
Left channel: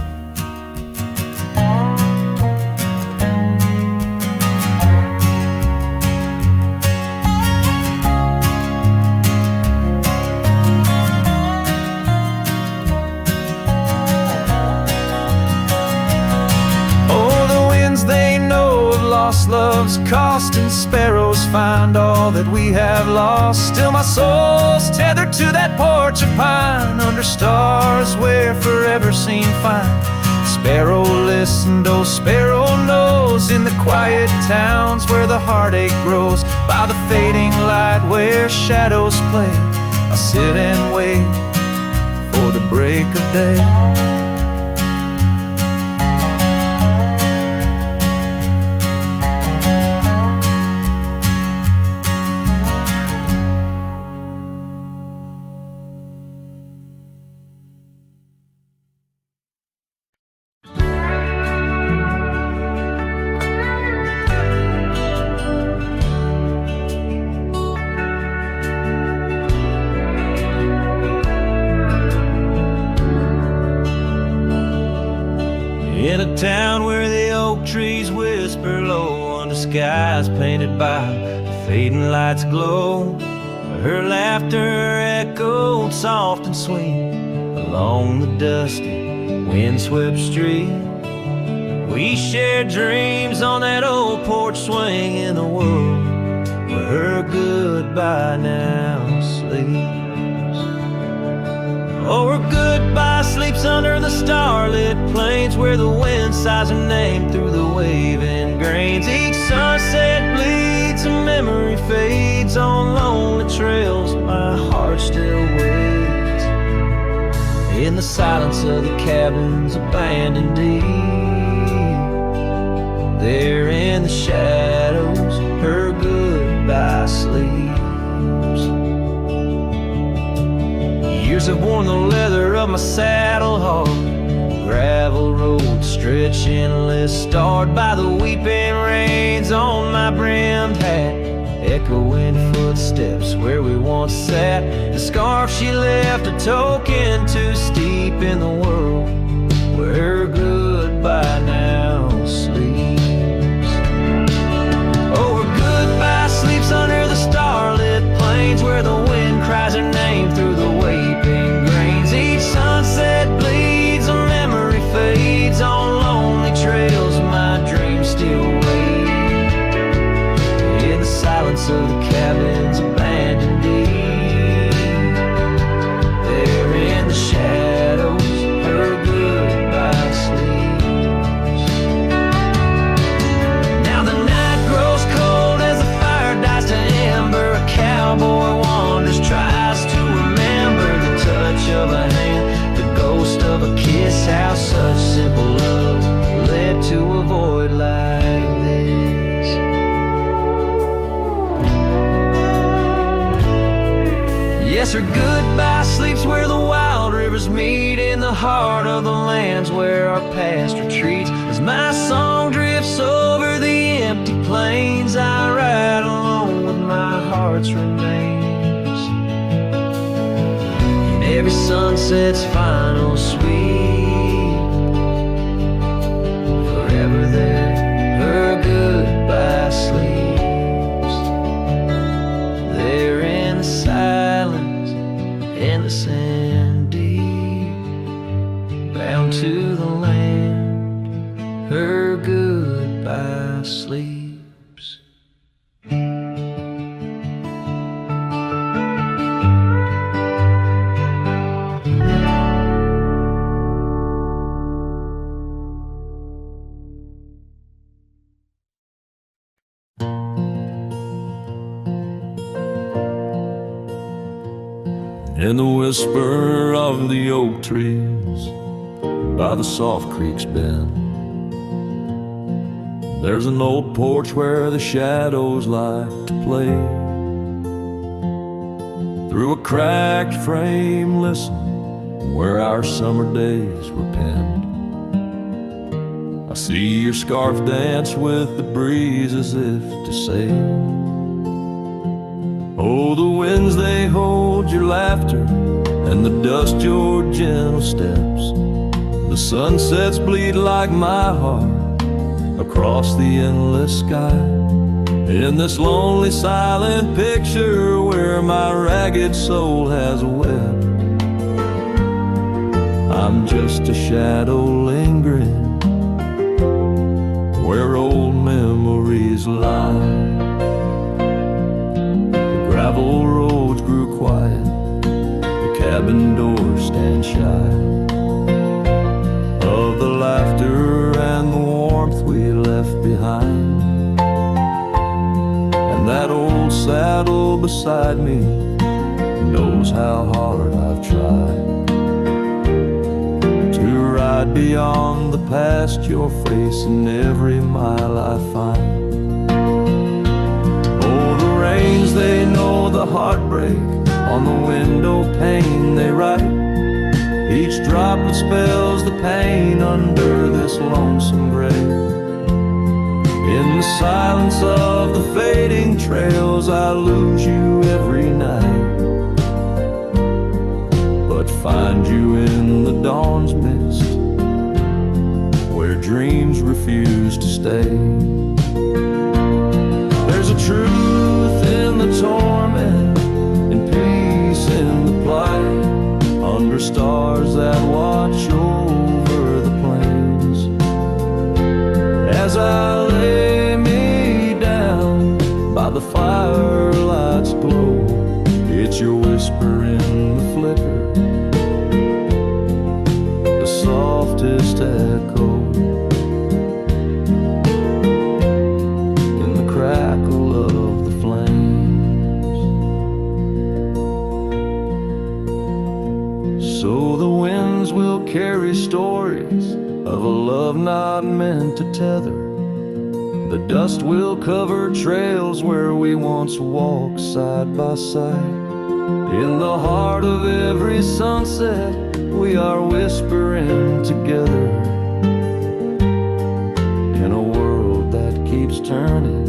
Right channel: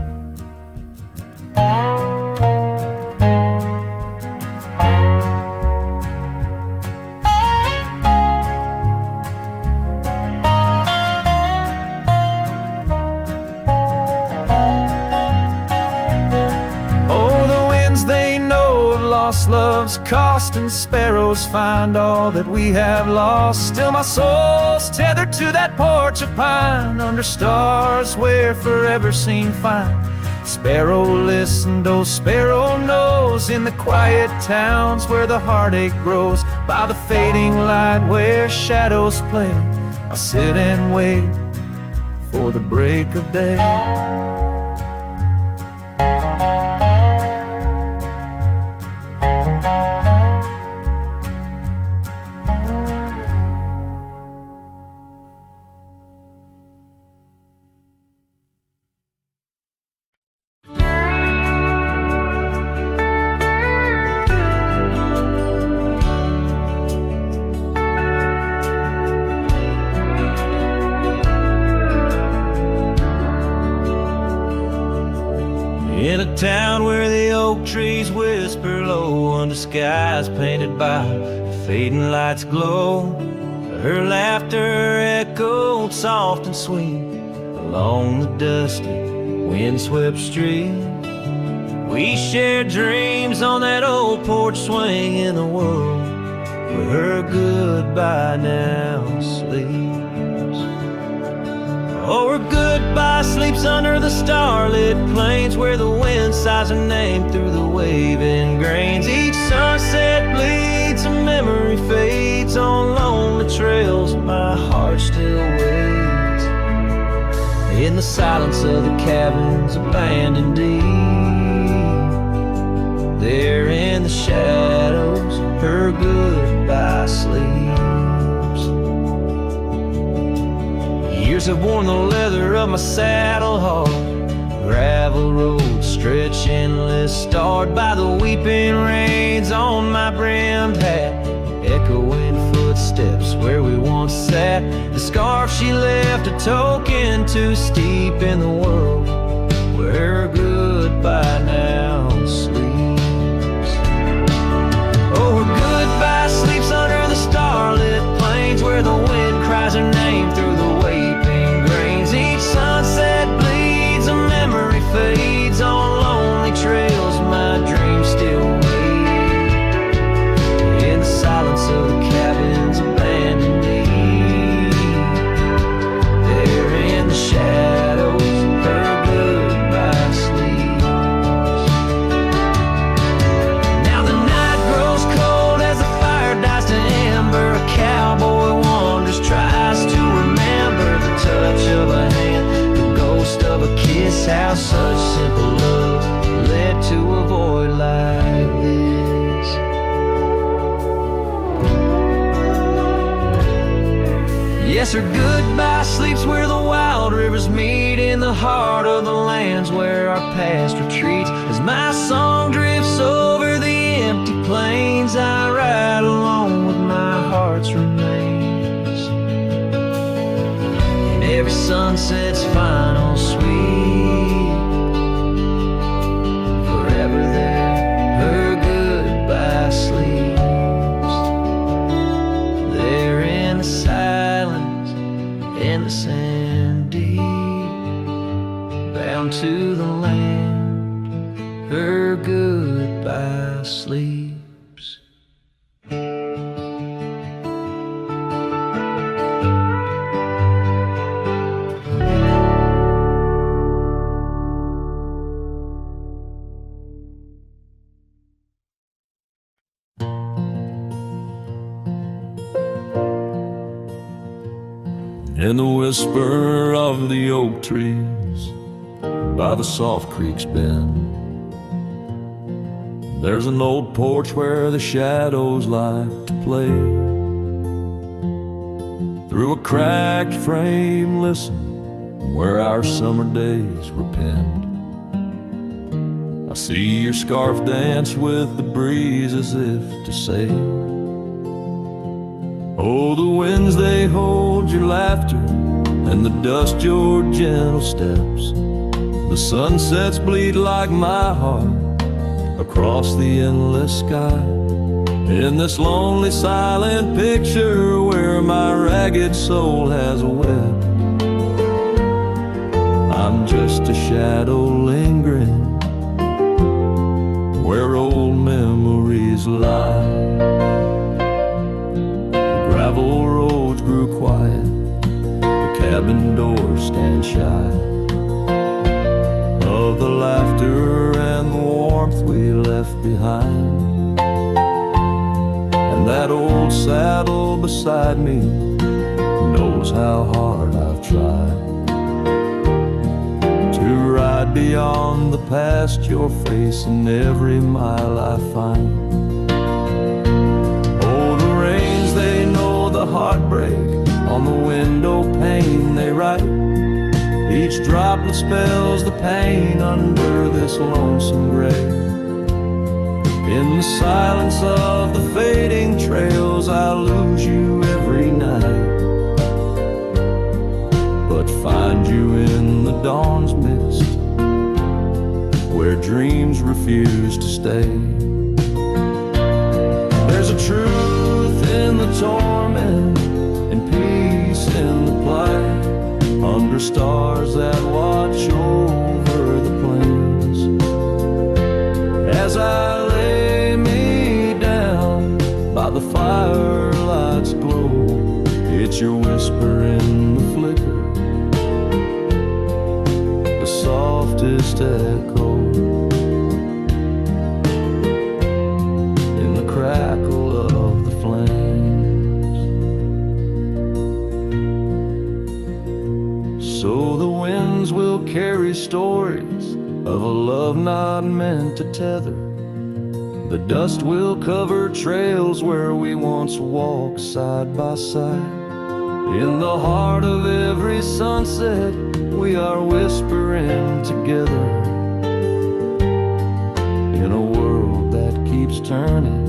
Lost love's cost, and sparrows find all that we have lost. Still my soul's tethered to that porch of pine, under stars where forever seemed fine. Sparrow listened, oh sparrow knows, in the quiet towns where the heartache grows. By the fading light where shadows play, I'll sit and wait for the break of day. In a town where the oak trees whisper low, under skies painted by the fading light's glow, her laughter echoed soft and sweet along the dusty, windswept street. We shared dreams on that old porch swing in a world where her goodbye now sleeps. Oh, her goodbye sleeps under the starlit plains, where the wind sighs her name through the waving grains. Each sunset bleeds, a memory fades on lonely trails. My heart still waits in the silence of the cabins abandoned deep. There in the shadows, her goodbye sleeps. Years have worn the leather of my saddle hard, gravel roads stretch endless, starred by the weeping rains on my brimmed hat. Echoing footsteps where we once sat, the scarf she left a token too steep in the world where her goodbye now sleeps. Oh, her goodbye sleeps under the starlit plains, where the wind cries her name through the waving grains. Each sunset bleeds, a memory fades on lonely trails. My dreams still wait in the silence of the cabins abandoned deep. There in the shadows, her goodbye sleeps. Now the night grows cold as the fire dies to ember. A cowboy wanders, tries to remember the touch of a hand, the ghost of a kiss. How such simple love led to a void like this. Yes, her goodbye sleeps where the wild rivers meet, in the heart of the lands where our past retreats. As my song drifts over the empty plains, I ride alone with my heart's remains. In every sunset's final sweep, forever there, her goodbye sleeps. There in the silence, in the sand deep, bound to the land, her goodbye sleeps. In the whisper of the oak trees by the soft creek's bend, there's an old porch where the shadows like to play. Through a cracked frame, listen, where our summer days were penned. I see your scarf dance with the breeze as if to say, oh, the winds they hold your laughter, and the dust your gentle steps. The sunsets bleed like my heart across the endless sky. In this lonely silent picture where my ragged soul has wept, I'm just a shadow lingering where old memories lie. The gravel roads grew quiet, the cabin doors stand shy of the laughter and the warmth we left behind. And that old saddle beside me knows how hard I've tried to ride beyond the past, your face in every mile I find. Oh, the rains, they know the heartbreak, on the window pane they write. Each droplet spells the pain under this lonesome grave. In the silence of the fading trails, I lose you every night, but find you in the dawn's mist, where dreams refuse to stay. There's a truth in the torment, and peace in the plight, under stars that watch over the plains. As I lay me down by the firelight's glow, it's your whisper in the flicker, the softest echo, in the crackle of the flames. So the winds will carry stories of a love not meant to tether. The dust will cover trails where we once walked side by side. In the heart of every sunset, we are whispering together. In a world that keeps turning,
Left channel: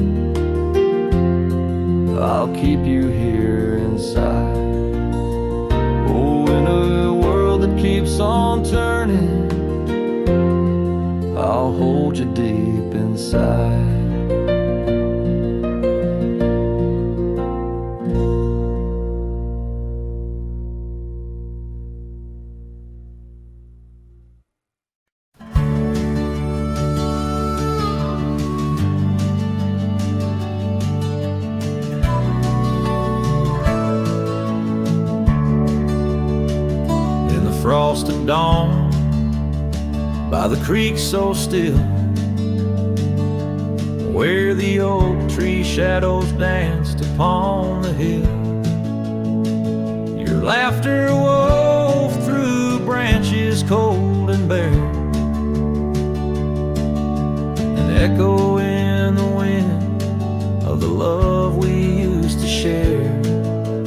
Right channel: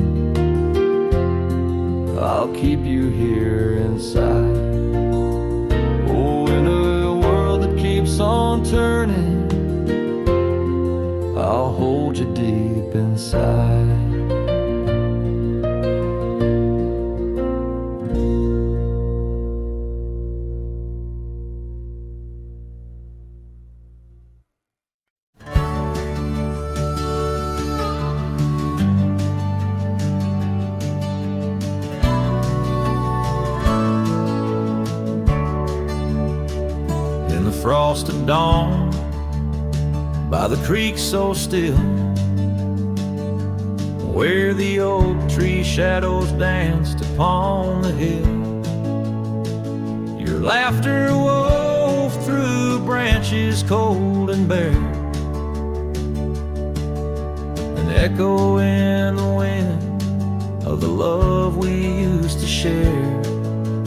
I'll keep you here inside. Oh, in a world that keeps on turning, I'll hold you deep inside. In the frost at dawn, by the creek so still, where the oak tree shadows danced upon the hill, your laughter wove through branches cold and bare, an echo in the wind of the love we used to share.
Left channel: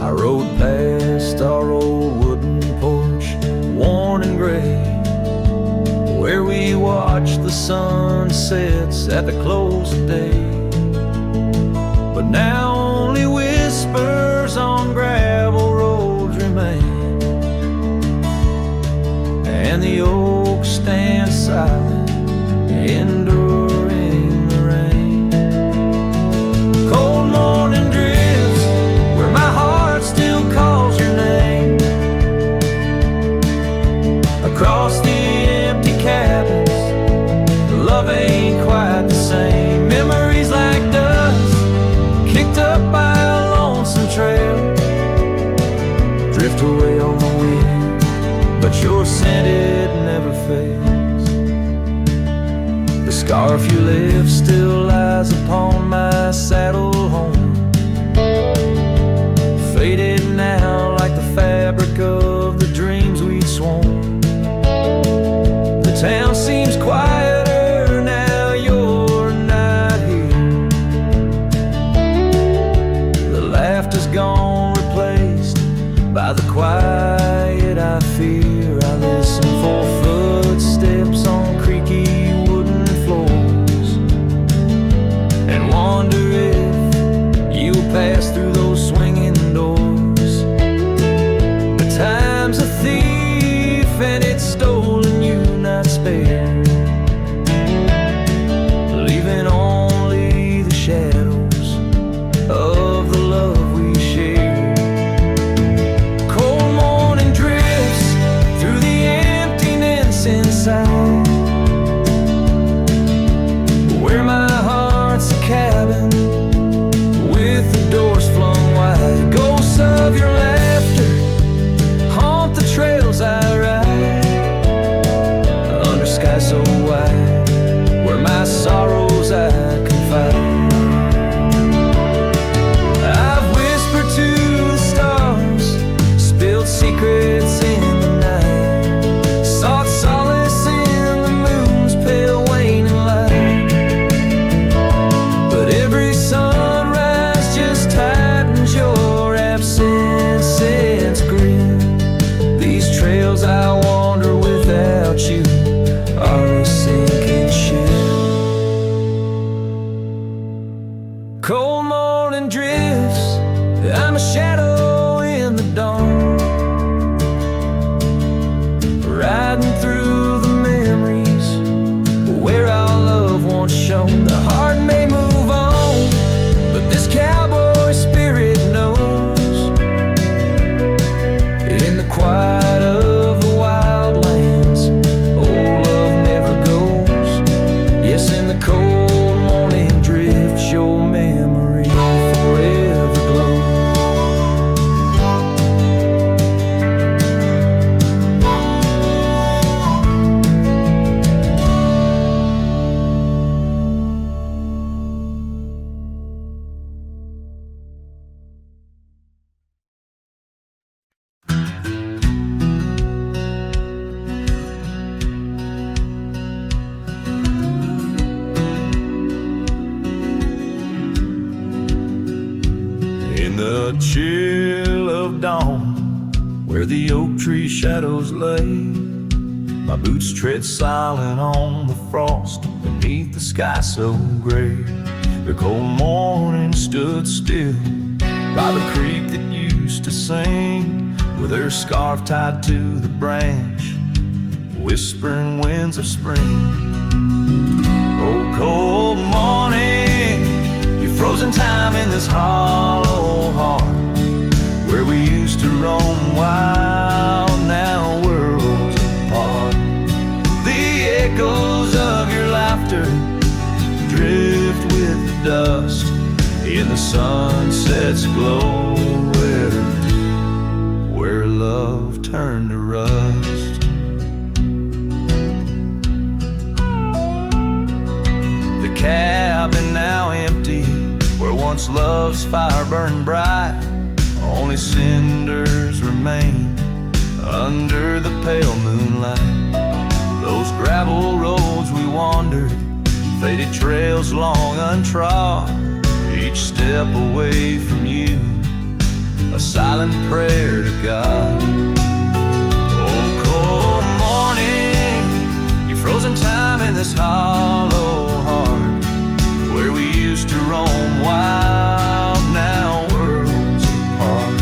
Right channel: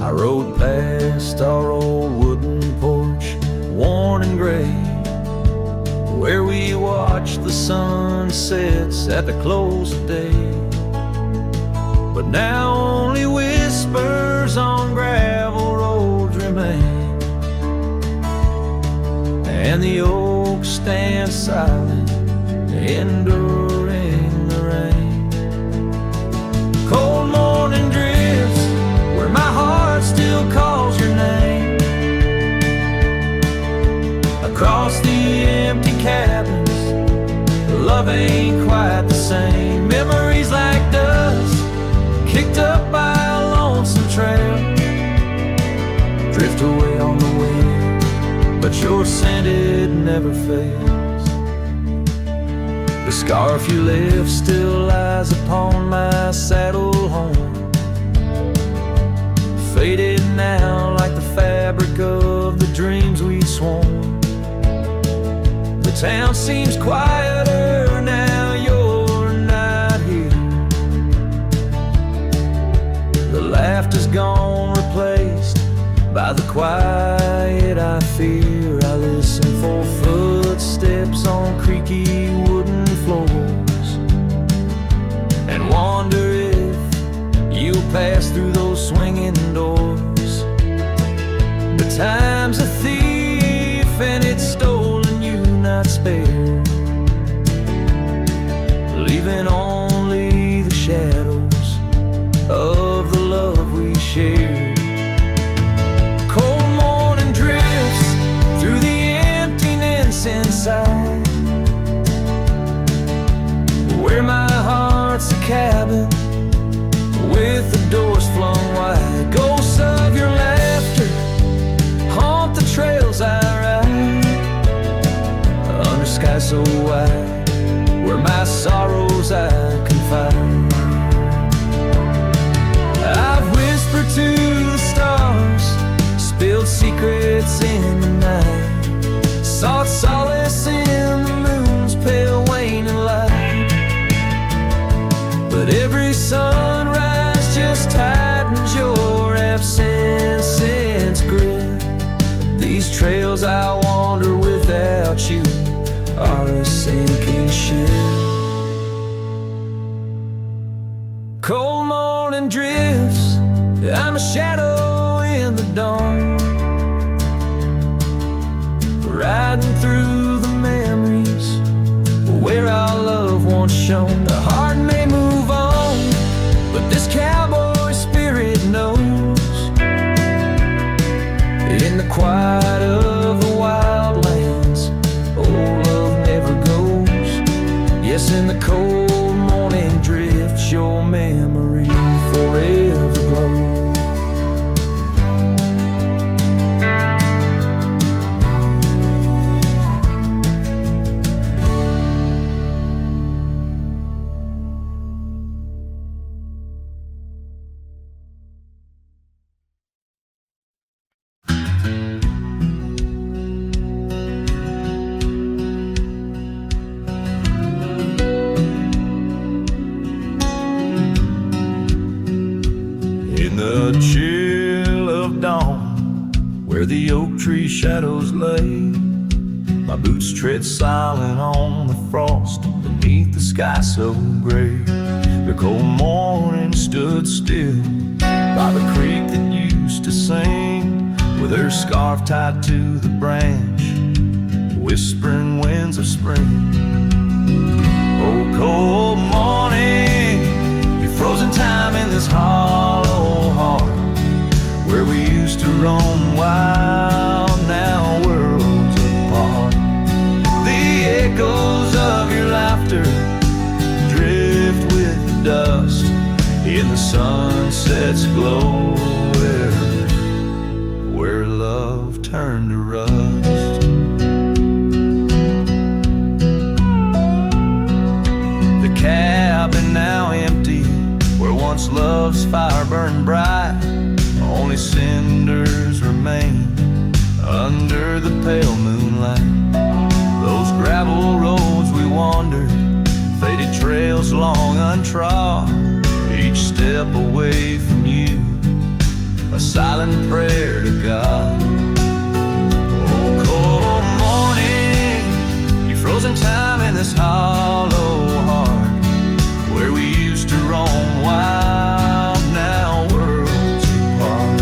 I rode past our old wooden porch, worn and gray, where we watched the sunsets at the close of day. But now only whispers on gravel roads remain, and the oak stands silent, enduring the rain. Cold morning drifts where my heart still calls your name. Across the empty cabins, love ain't quite the same. Memories like dust, kicked up by a lonesome trail, drift away on the wind, but your scent, it never fails. The scarf you left still lies upon my saddle horn, faded now like the fabric of the dreams we'd sworn. The town seems quieter now you're not here. The laughter's gone, replaced By the quiet I fear, I listen for footsteps on creaky wooden floors, and wonder if you'll pass through those swinging doors. But time's a thief and it's stolen you, not spared, leaving only the shadows of the love we shared. Cold morning drifts through the emptiness inside, where my heart's a cabin with the doors flung wide. Ghosts of your laughter haunt the trails I ride, under skies so wide, where my sorrows I confide. I've whispered to the stars, spilled secrets in the night, sought solace in the moon's pale waning light. But every sunrise just tightens your absence's grip. These trails I wander without you are a sinking ship. Cold morning drifts, I'm a shadow in the dawn, riding through the memories where our love once shone. The heart may move on, but this cowboy spirit knows, in the quiet of the wild lands, old love never goes. Yes, in the cold morning drifts, your memory forever glows. In the chill of dawn, where the oak tree shadows lay, my boots tread silent on the frost beneath the sky so gray. The cold morning stood still by the creek that used to sing, with her scarf tied to the branch, whispering winds of spring. Oh, cold morning, you frozen time in this hollow heart, where we used to roam wild, now worlds apart. The echoes of your laughter drift with the dust in the sunset's glow, where love turned to rust. The cabin now empty, where once love's fire burned bright, only cinders remain under the pale moonlight. Those gravel roads we wandered, faded trails long untrod, each step away from you, a silent prayer to God. Oh, cold morning, you frozen time in this hollow heart, where we used to roam wild, now worlds apart.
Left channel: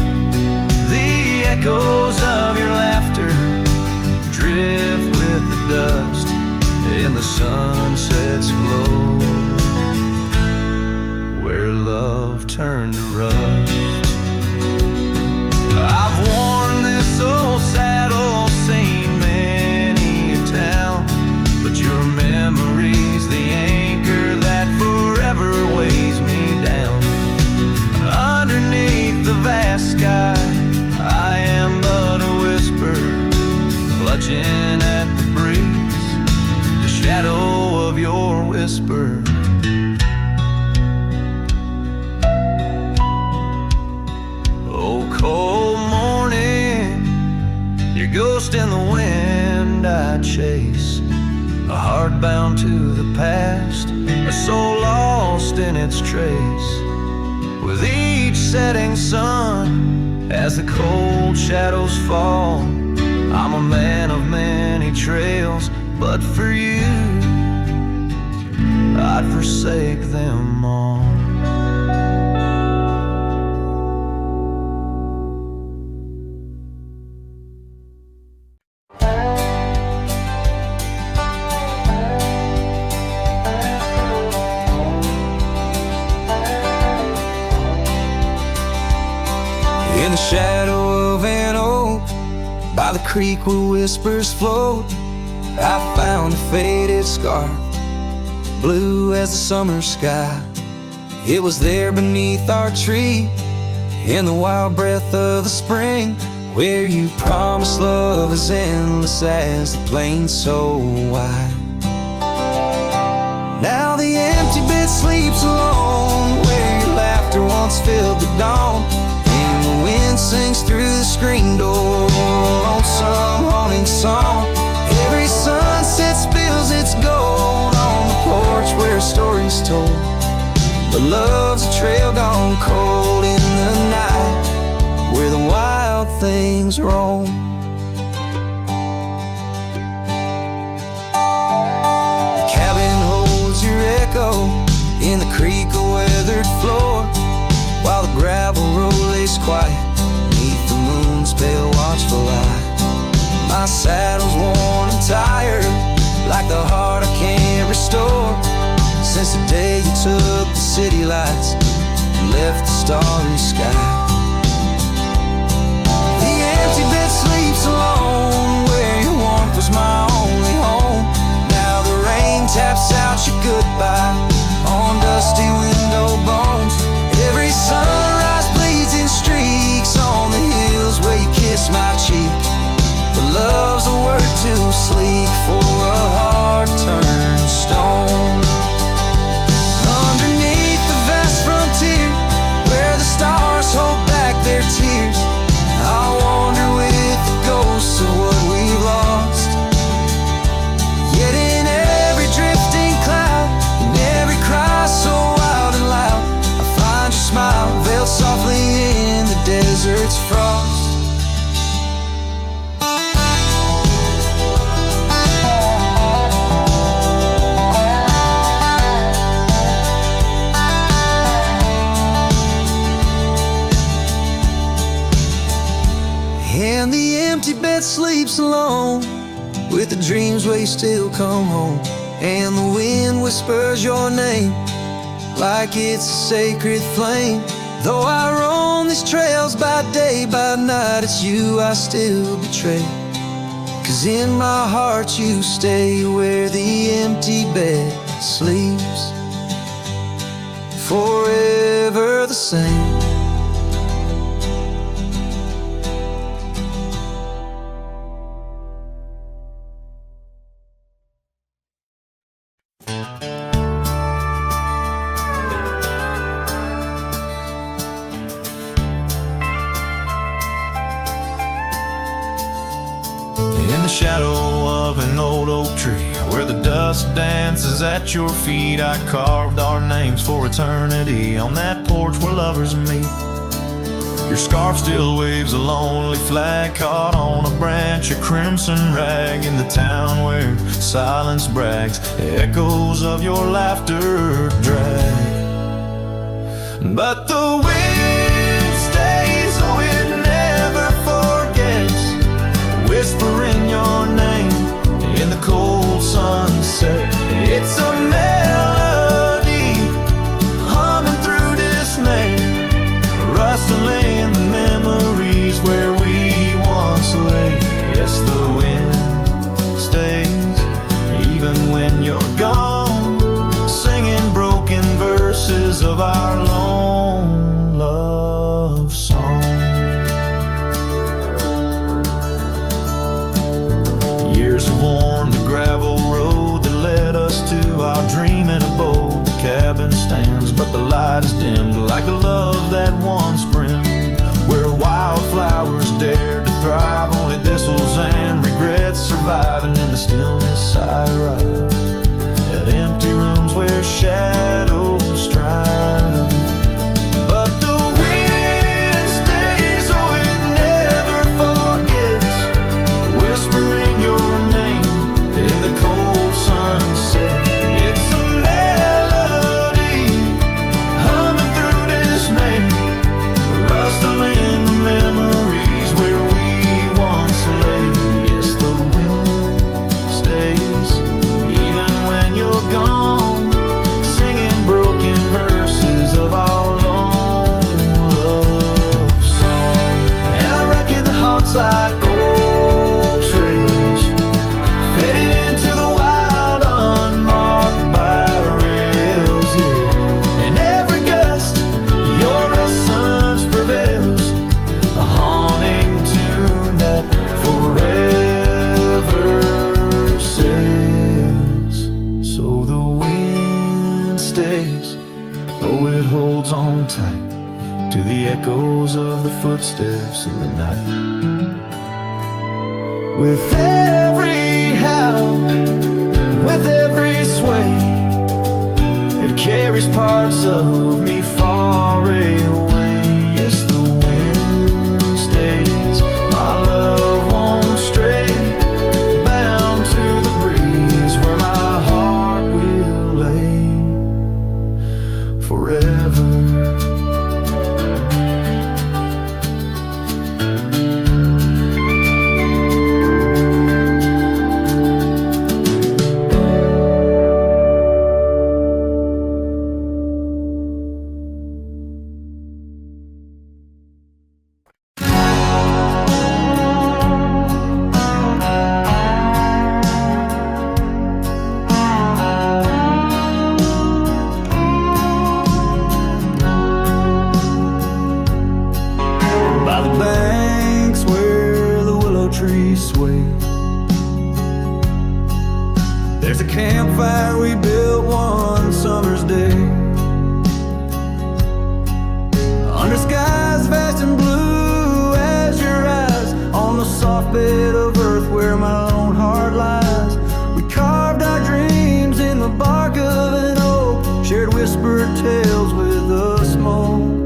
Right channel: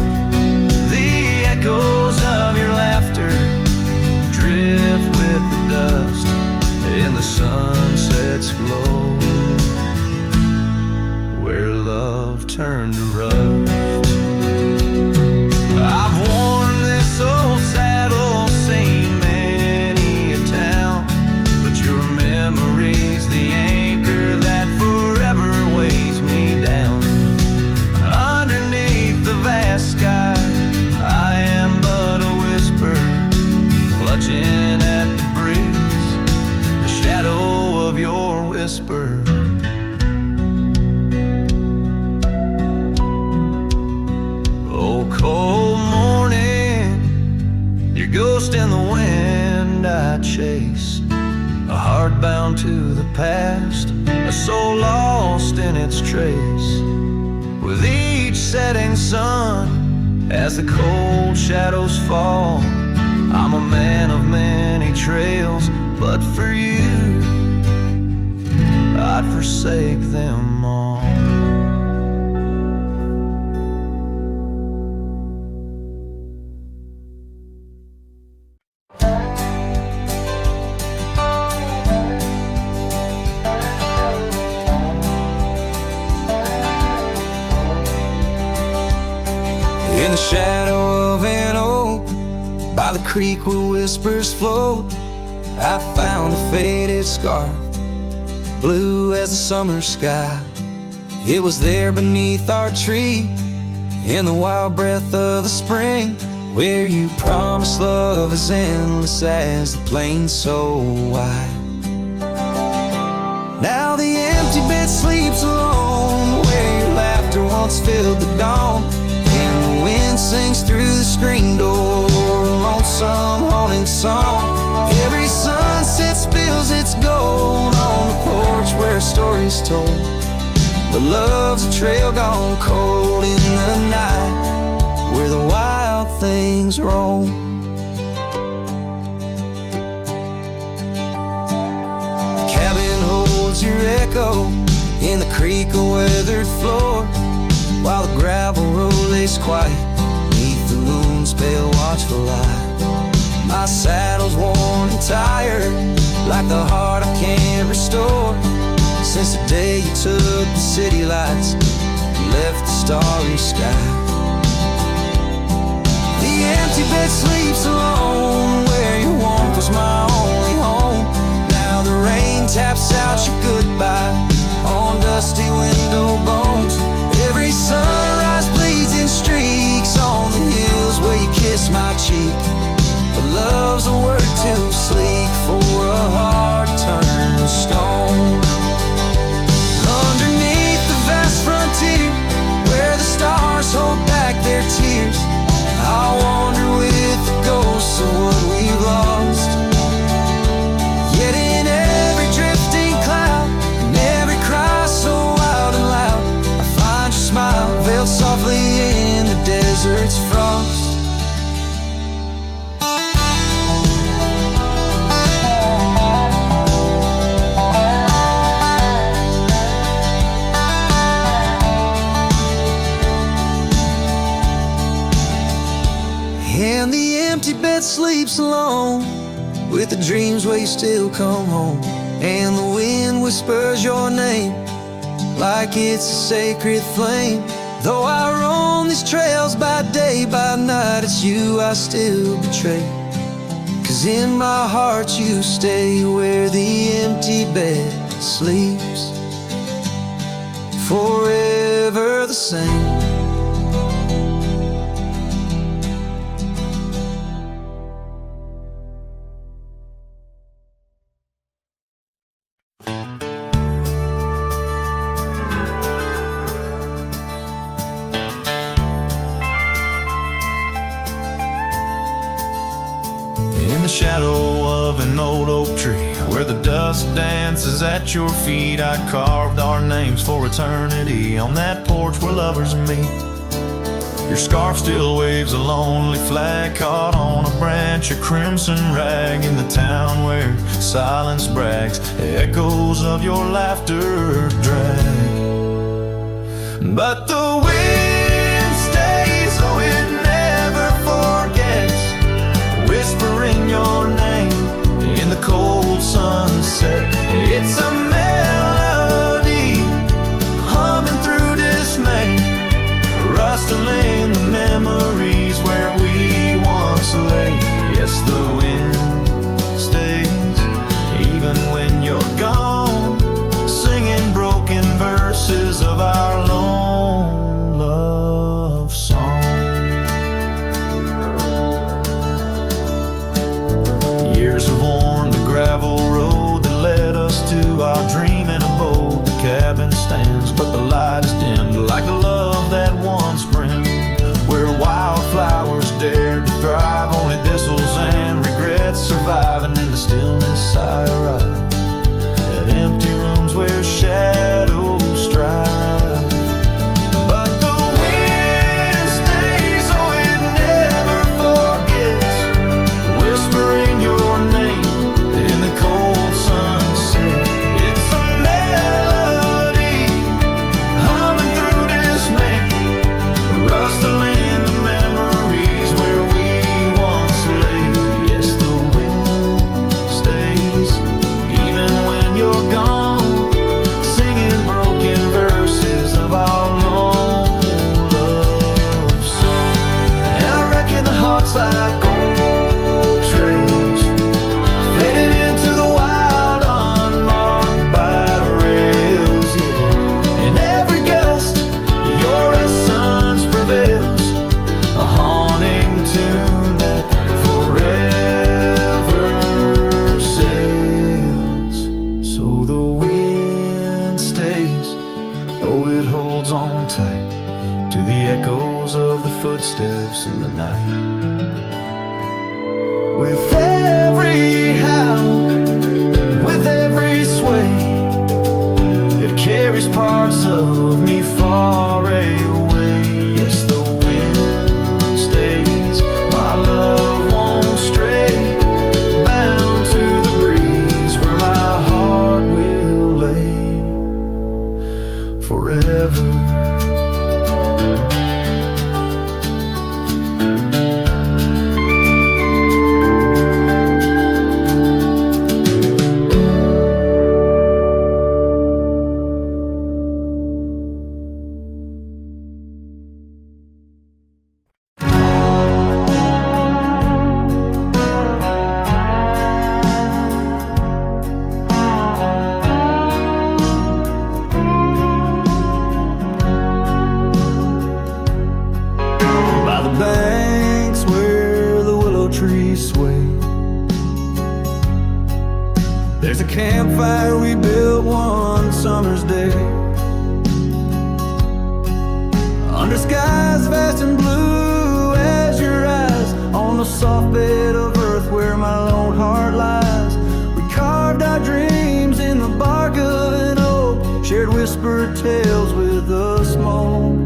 The echoes of your laughter drift with the dust in the sunset's glow, where love turned to rust. I've worn this old saddle, seen many a town, but your memory's the anchor that forever weighs me down. Underneath the vast sky, I am but a whisper, clutching at the breeze, the shadow of your whisper. Oh, cold morning, your ghost in the wind I chase, a heart bound to the past, a soul lost in its trace. With each setting sun, as the cold shadows fall. I'm a man of many trails, but for you I'd forsake them all. In the shadow of an oak, by the creek where whispers float, I found a faded scarf, blue as the summer sky. It was there beneath our tree, in the wild breath of the spring, where you promised love as endless as the plain so wide. Now the empty bed sleeps alone, where your laughter once filled the dawn, and the wind sings through the screen door, a lonesome haunting song. Every sunset spills its gold on the porch where a story's told, but love's a trail gone cold in the night, where the wild things roam. The cabin holds your echo in the creek a weathered floor, while the gravel road lays quiet beneath the moon's pale watchful light. My saddle's worn and tired, like the heart I can't restore, since the day you took the city lights and left the starry sky. The empty bed sleeps alone, where your warmth was my only home. Now the rain taps out your goodbye on dusty window bones. Every sunrise bleeds in streaks on the hills where you kiss my cheek, but love's a word too sleek for a heart turned stone. Underneath the vast frontier, where the stars hold back their tears, I'll wander with the ghosts of what we've lost. Yet in every drifting cloud, in every cry so wild and loud, I find your smile veiled softly in the desert's frost. And the empty bed sleeps alone, with the dreams where you still come home, and the wind whispers your name like it's a sacred flame. Though I roam these trails by day, by night, it's you I still betray, 'cause in my heart you stay where the empty bed sleeps, forever the same. In the shadow of an old oak tree, where the dust dances at your feet, I carved our names for eternity on that porch where lovers meet. Your scarf still waves a lonely flag caught on a branch, a crimson rag in the town where silence brags, echoes of your laughter drag. But the wind stays, oh it never forgets, whispering your name in the cold sunset. It's a melody humming through dismay, rustling the memories where we once lay. Yes, the wind stays even when you're gone, singing broken verses of our lone love song. Years have worn the gravel road that led us to our dreaming abode. The cabin stands, but the light is dimmed, like the love that once brimmed, where wildflowers dared to thrive, only thistles and regrets surviving. In the stillness I arrive at empty rooms where shadows strive. But the wind stays, oh Oh, it holds on tight to the echoes of the footsteps in the night. With every howl, with every sway, it carries parts of me far away. Yes, the wind stays, my love won't stray, bound to the breeze where my heart will lay forever. Banks where the willow trees sway, there's a campfire we built one summer's day, under skies vast and blue as your eyes, on the soft bed of earth where my lone heart lies. We carved our dreams in the bark of an oak, shared whispered tales with the smoke.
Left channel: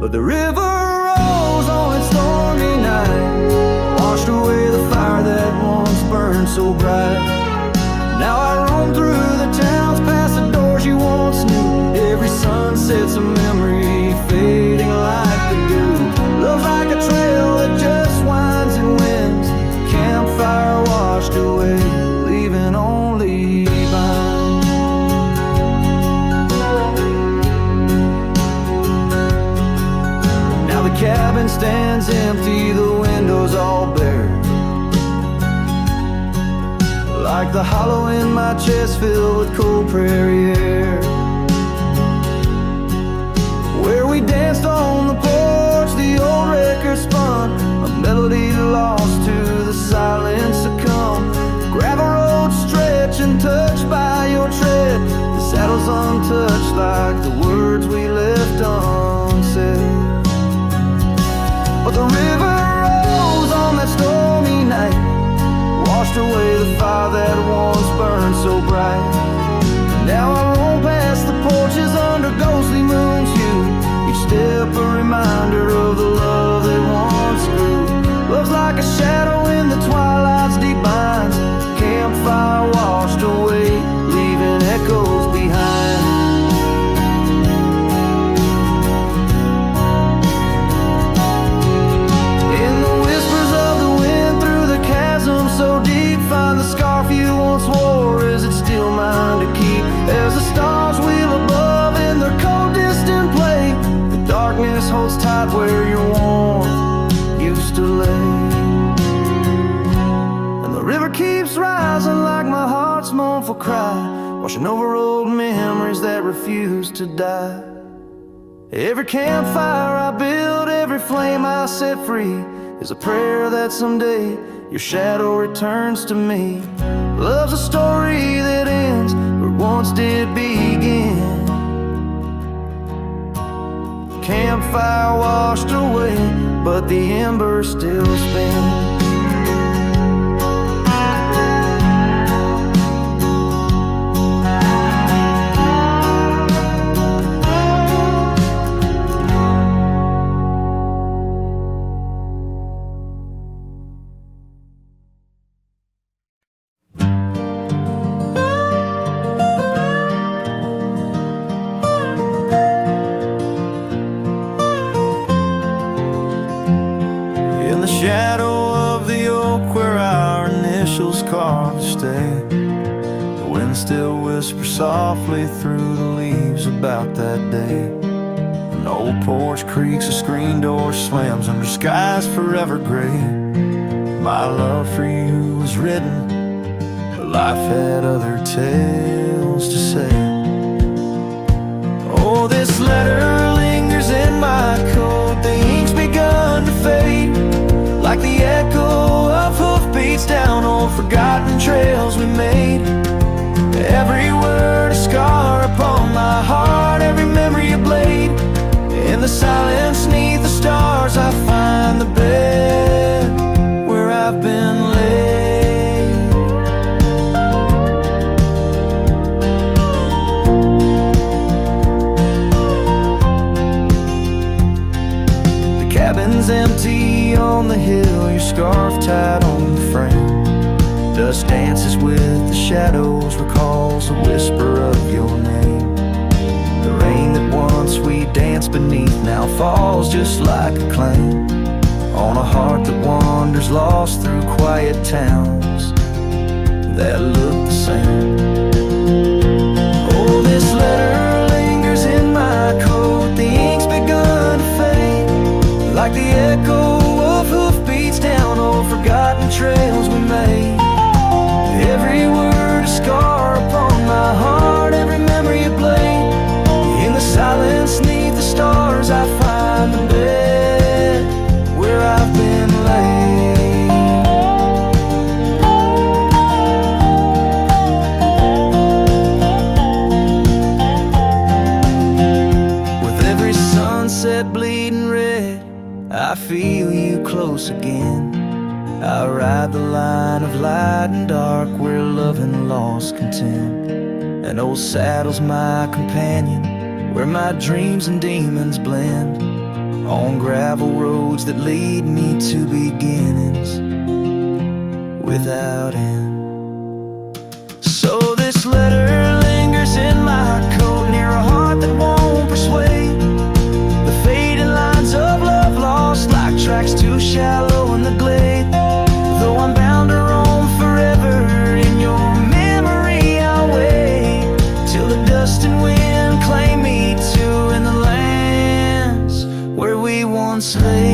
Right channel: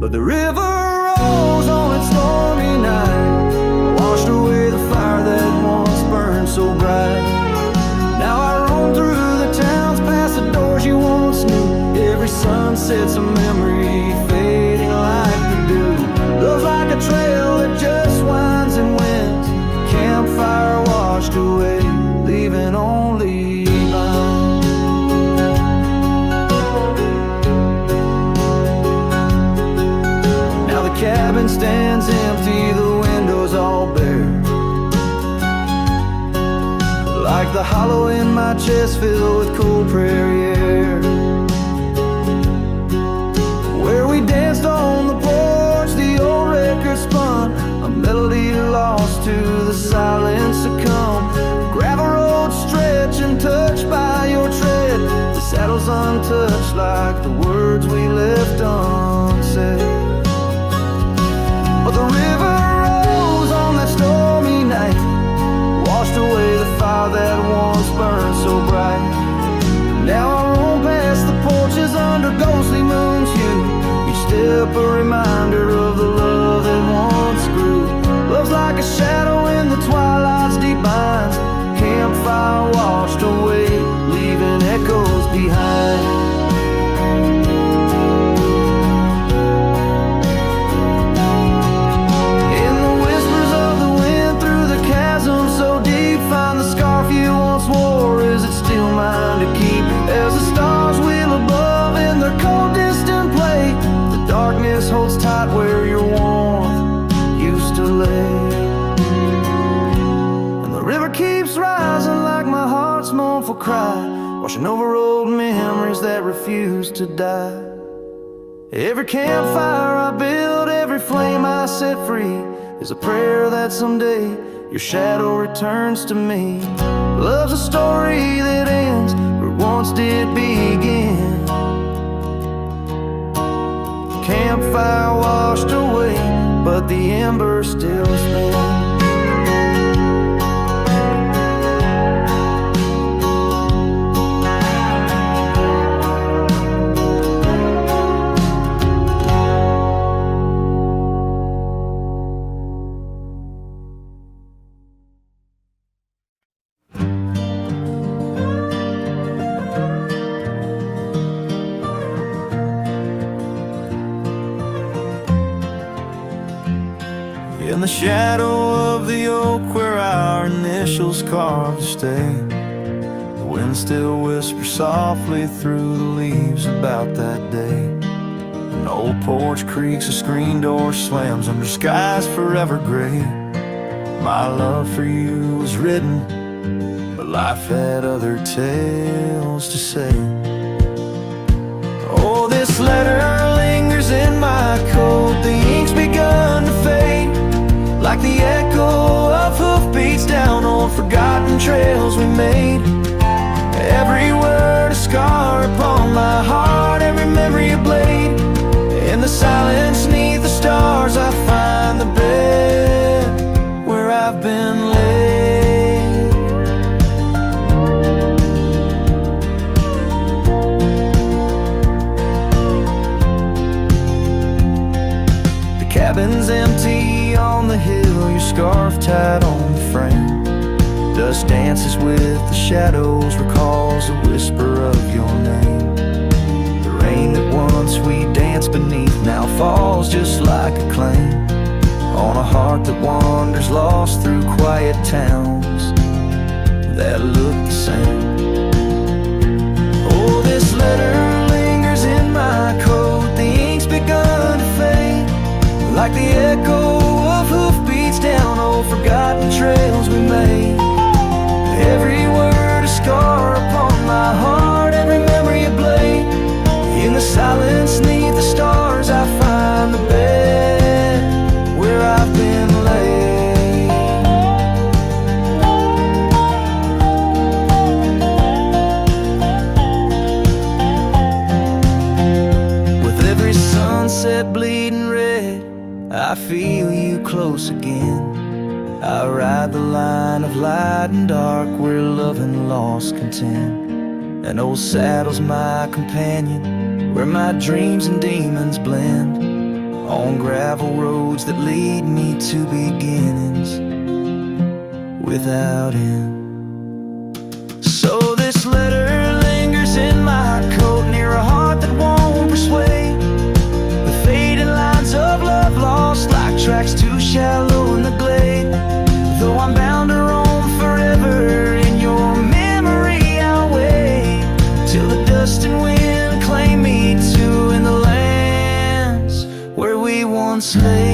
But the river rose on its stormy night, washed away the fire that once burned so bright. Now I roam through the towns, past the doors you once knew. Every sunset's a memory fading like the dew. Love's like a trail that just winds and winds, campfire washed away, leaving only vines. The cabin stands empty, the windows all bare, like the hollow in my chest filled with cold prairie air. Where we danced on the porch, the old record spun, a melody lost to the silence succumb. Gravel roads stretch and touched by your tread, the saddles untouched like the words we left unsaid. But the river rose on that stormy night, washed away the fire that once burned so bright. Now I roam past the porches under ghostly moon's hue, each step a reminder of the love that once grew. Love's like a shadow in the twilight's deep binds, campfire washed away, leaving echoes behind. Chasm so deep, find the scarf you once wore. Is it still mine to keep? As the stars wheel above in their cold distant play, the darkness holds tight where your warmth used to lay. And the river keeps rising like my heart's mournful cry, washing over old memories that refuse to die. Every campfire I build, every flame I set free, is a prayer that someday your shadow returns to me. Love's a story that ends where it once did begin. Campfire washed away, but the embers still spin. In the shadow of the oak where our initials carved to stay, the wind still whispers softly through the leaves about that day. An old porch creaks, a screen door slams under skies forever gray. My love for you was written, but life had other tales to say. Oh, this letter lingers in my coat, the ink's begun to fade, like the echo of hoofbeats down old forgotten trails we made. Every word a scar upon my heart, I've been laid. The cabin's empty on the hill, your scarf tied on the frame. Dust dances with the shadows, recalls a whisper of your name. The rain that once we danced beneath now falls just like a claim on a heart that wanders lost through quiet towns that look the same. Oh, this letter lingers in my coat, the ink's begun to fade, like the echo of hoofbeats down old forgotten trails we made. Every word a scar upon my heart, every memory a blade. In the silence neath the stars I find the bed where I've been laid. With every sunset bleeding red, I feel you close again. I ride the line of light and dark where love and loss contend. An old saddle's my companion, where my dreams and demons blend, on gravel roads that lead me to beginnings without end. So this letter lingers in my coat, near a heart that won't persuade. The fading lines of love lost like tracks too shallow in the glade. Though I'm bound to roam forever in your memory, I'll wait till the dust and wind claim me to in the lands where we once lay.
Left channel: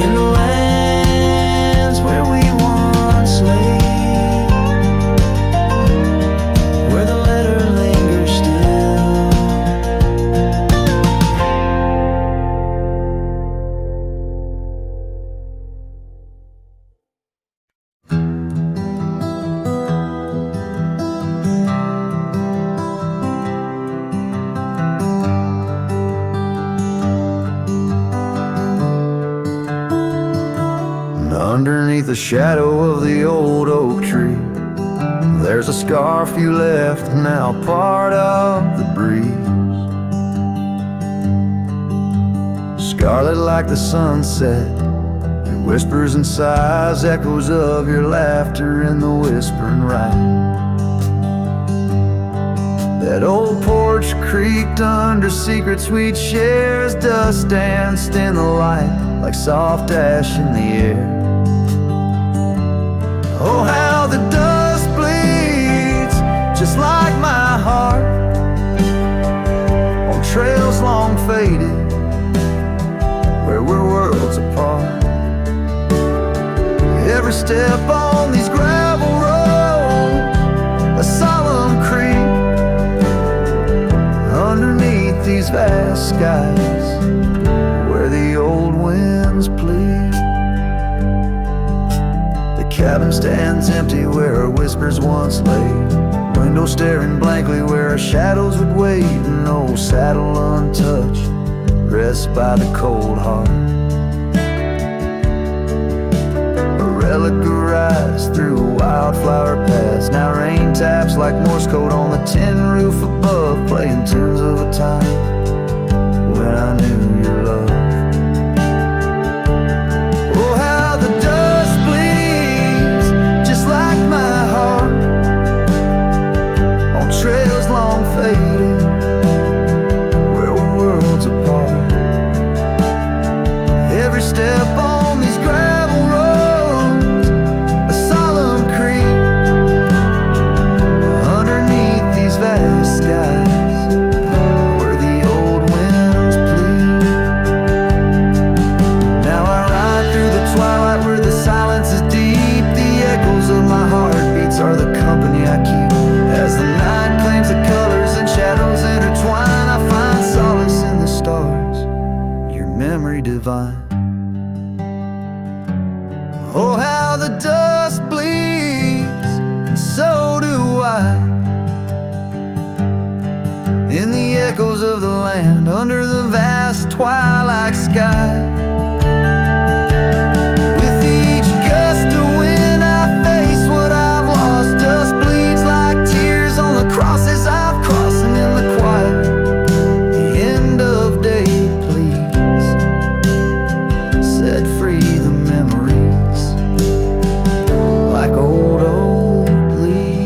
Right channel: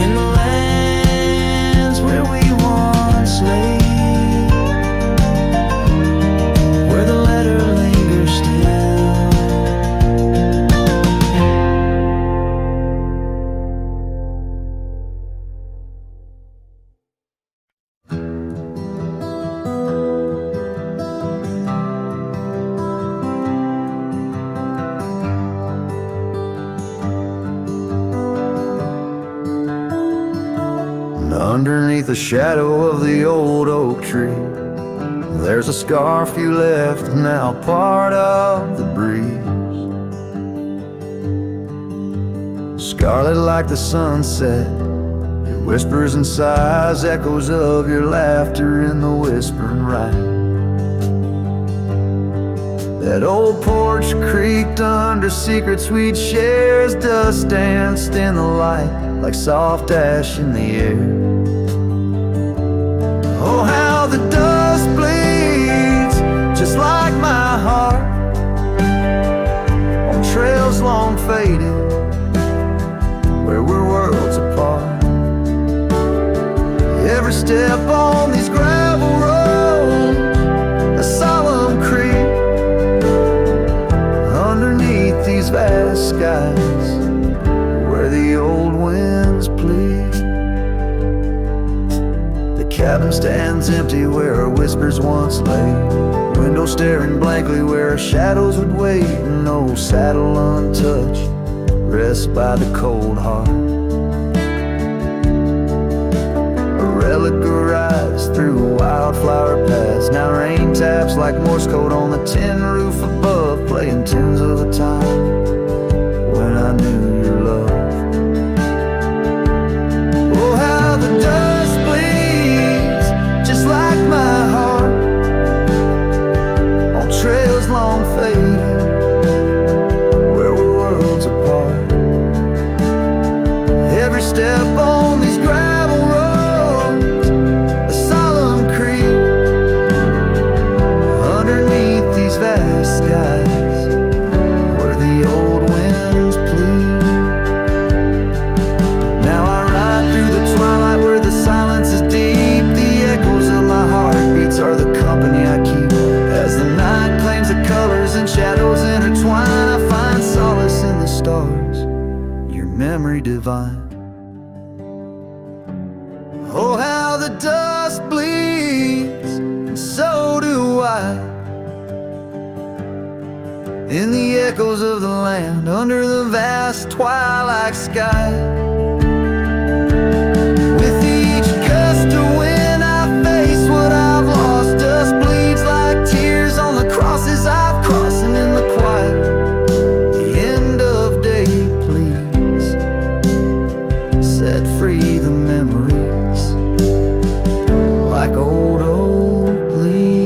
In the lands where we once lay, where the letter lingers still. Underneath the shadow of the old oak tree, there's a scarf you left, now part of the breeze. Scarlet like the sunset, it whispers and sighs, echoes of your laughter in the whispering ride. That old porch creaked under secrets we'd share as dust danced in the light like soft ash in the air. Oh, how the dust bleeds, just like my heart, on trails long faded, where we're worlds apart. Every step on these gravel roads, a solemn creep, underneath these vast skies, where the old winds plead. The cabin stands empty where our whispers once lay, window staring blankly where our shadows would wait. An old saddle untouched rests by the cold heart, a relic arrives through wildflower paths. Now rain taps like Morse code on the tin roof above, playing tunes of a time when I knew your love. Oh, how the dust bleeds, just like my heart, on trails long faded, where we're worlds apart. Every step on these gravel roads, a solemn creep, underneath these vast skies, where the old winds plead. Now I ride through the twilight where the silence is deep. The echoes of my heartbeats are the company I keep. As the night claims the colors and shadows intertwine, I find solace in the stars, your memory divine. Oh, how the dust bleeds, and so do I. In the echoes of the land under the vast twilight sky. With each gust of wind I face what I've lost. Dust bleeds like tears on the crosses I've crossed. And in the quiet, the end of day, please set free the memories like old leaves.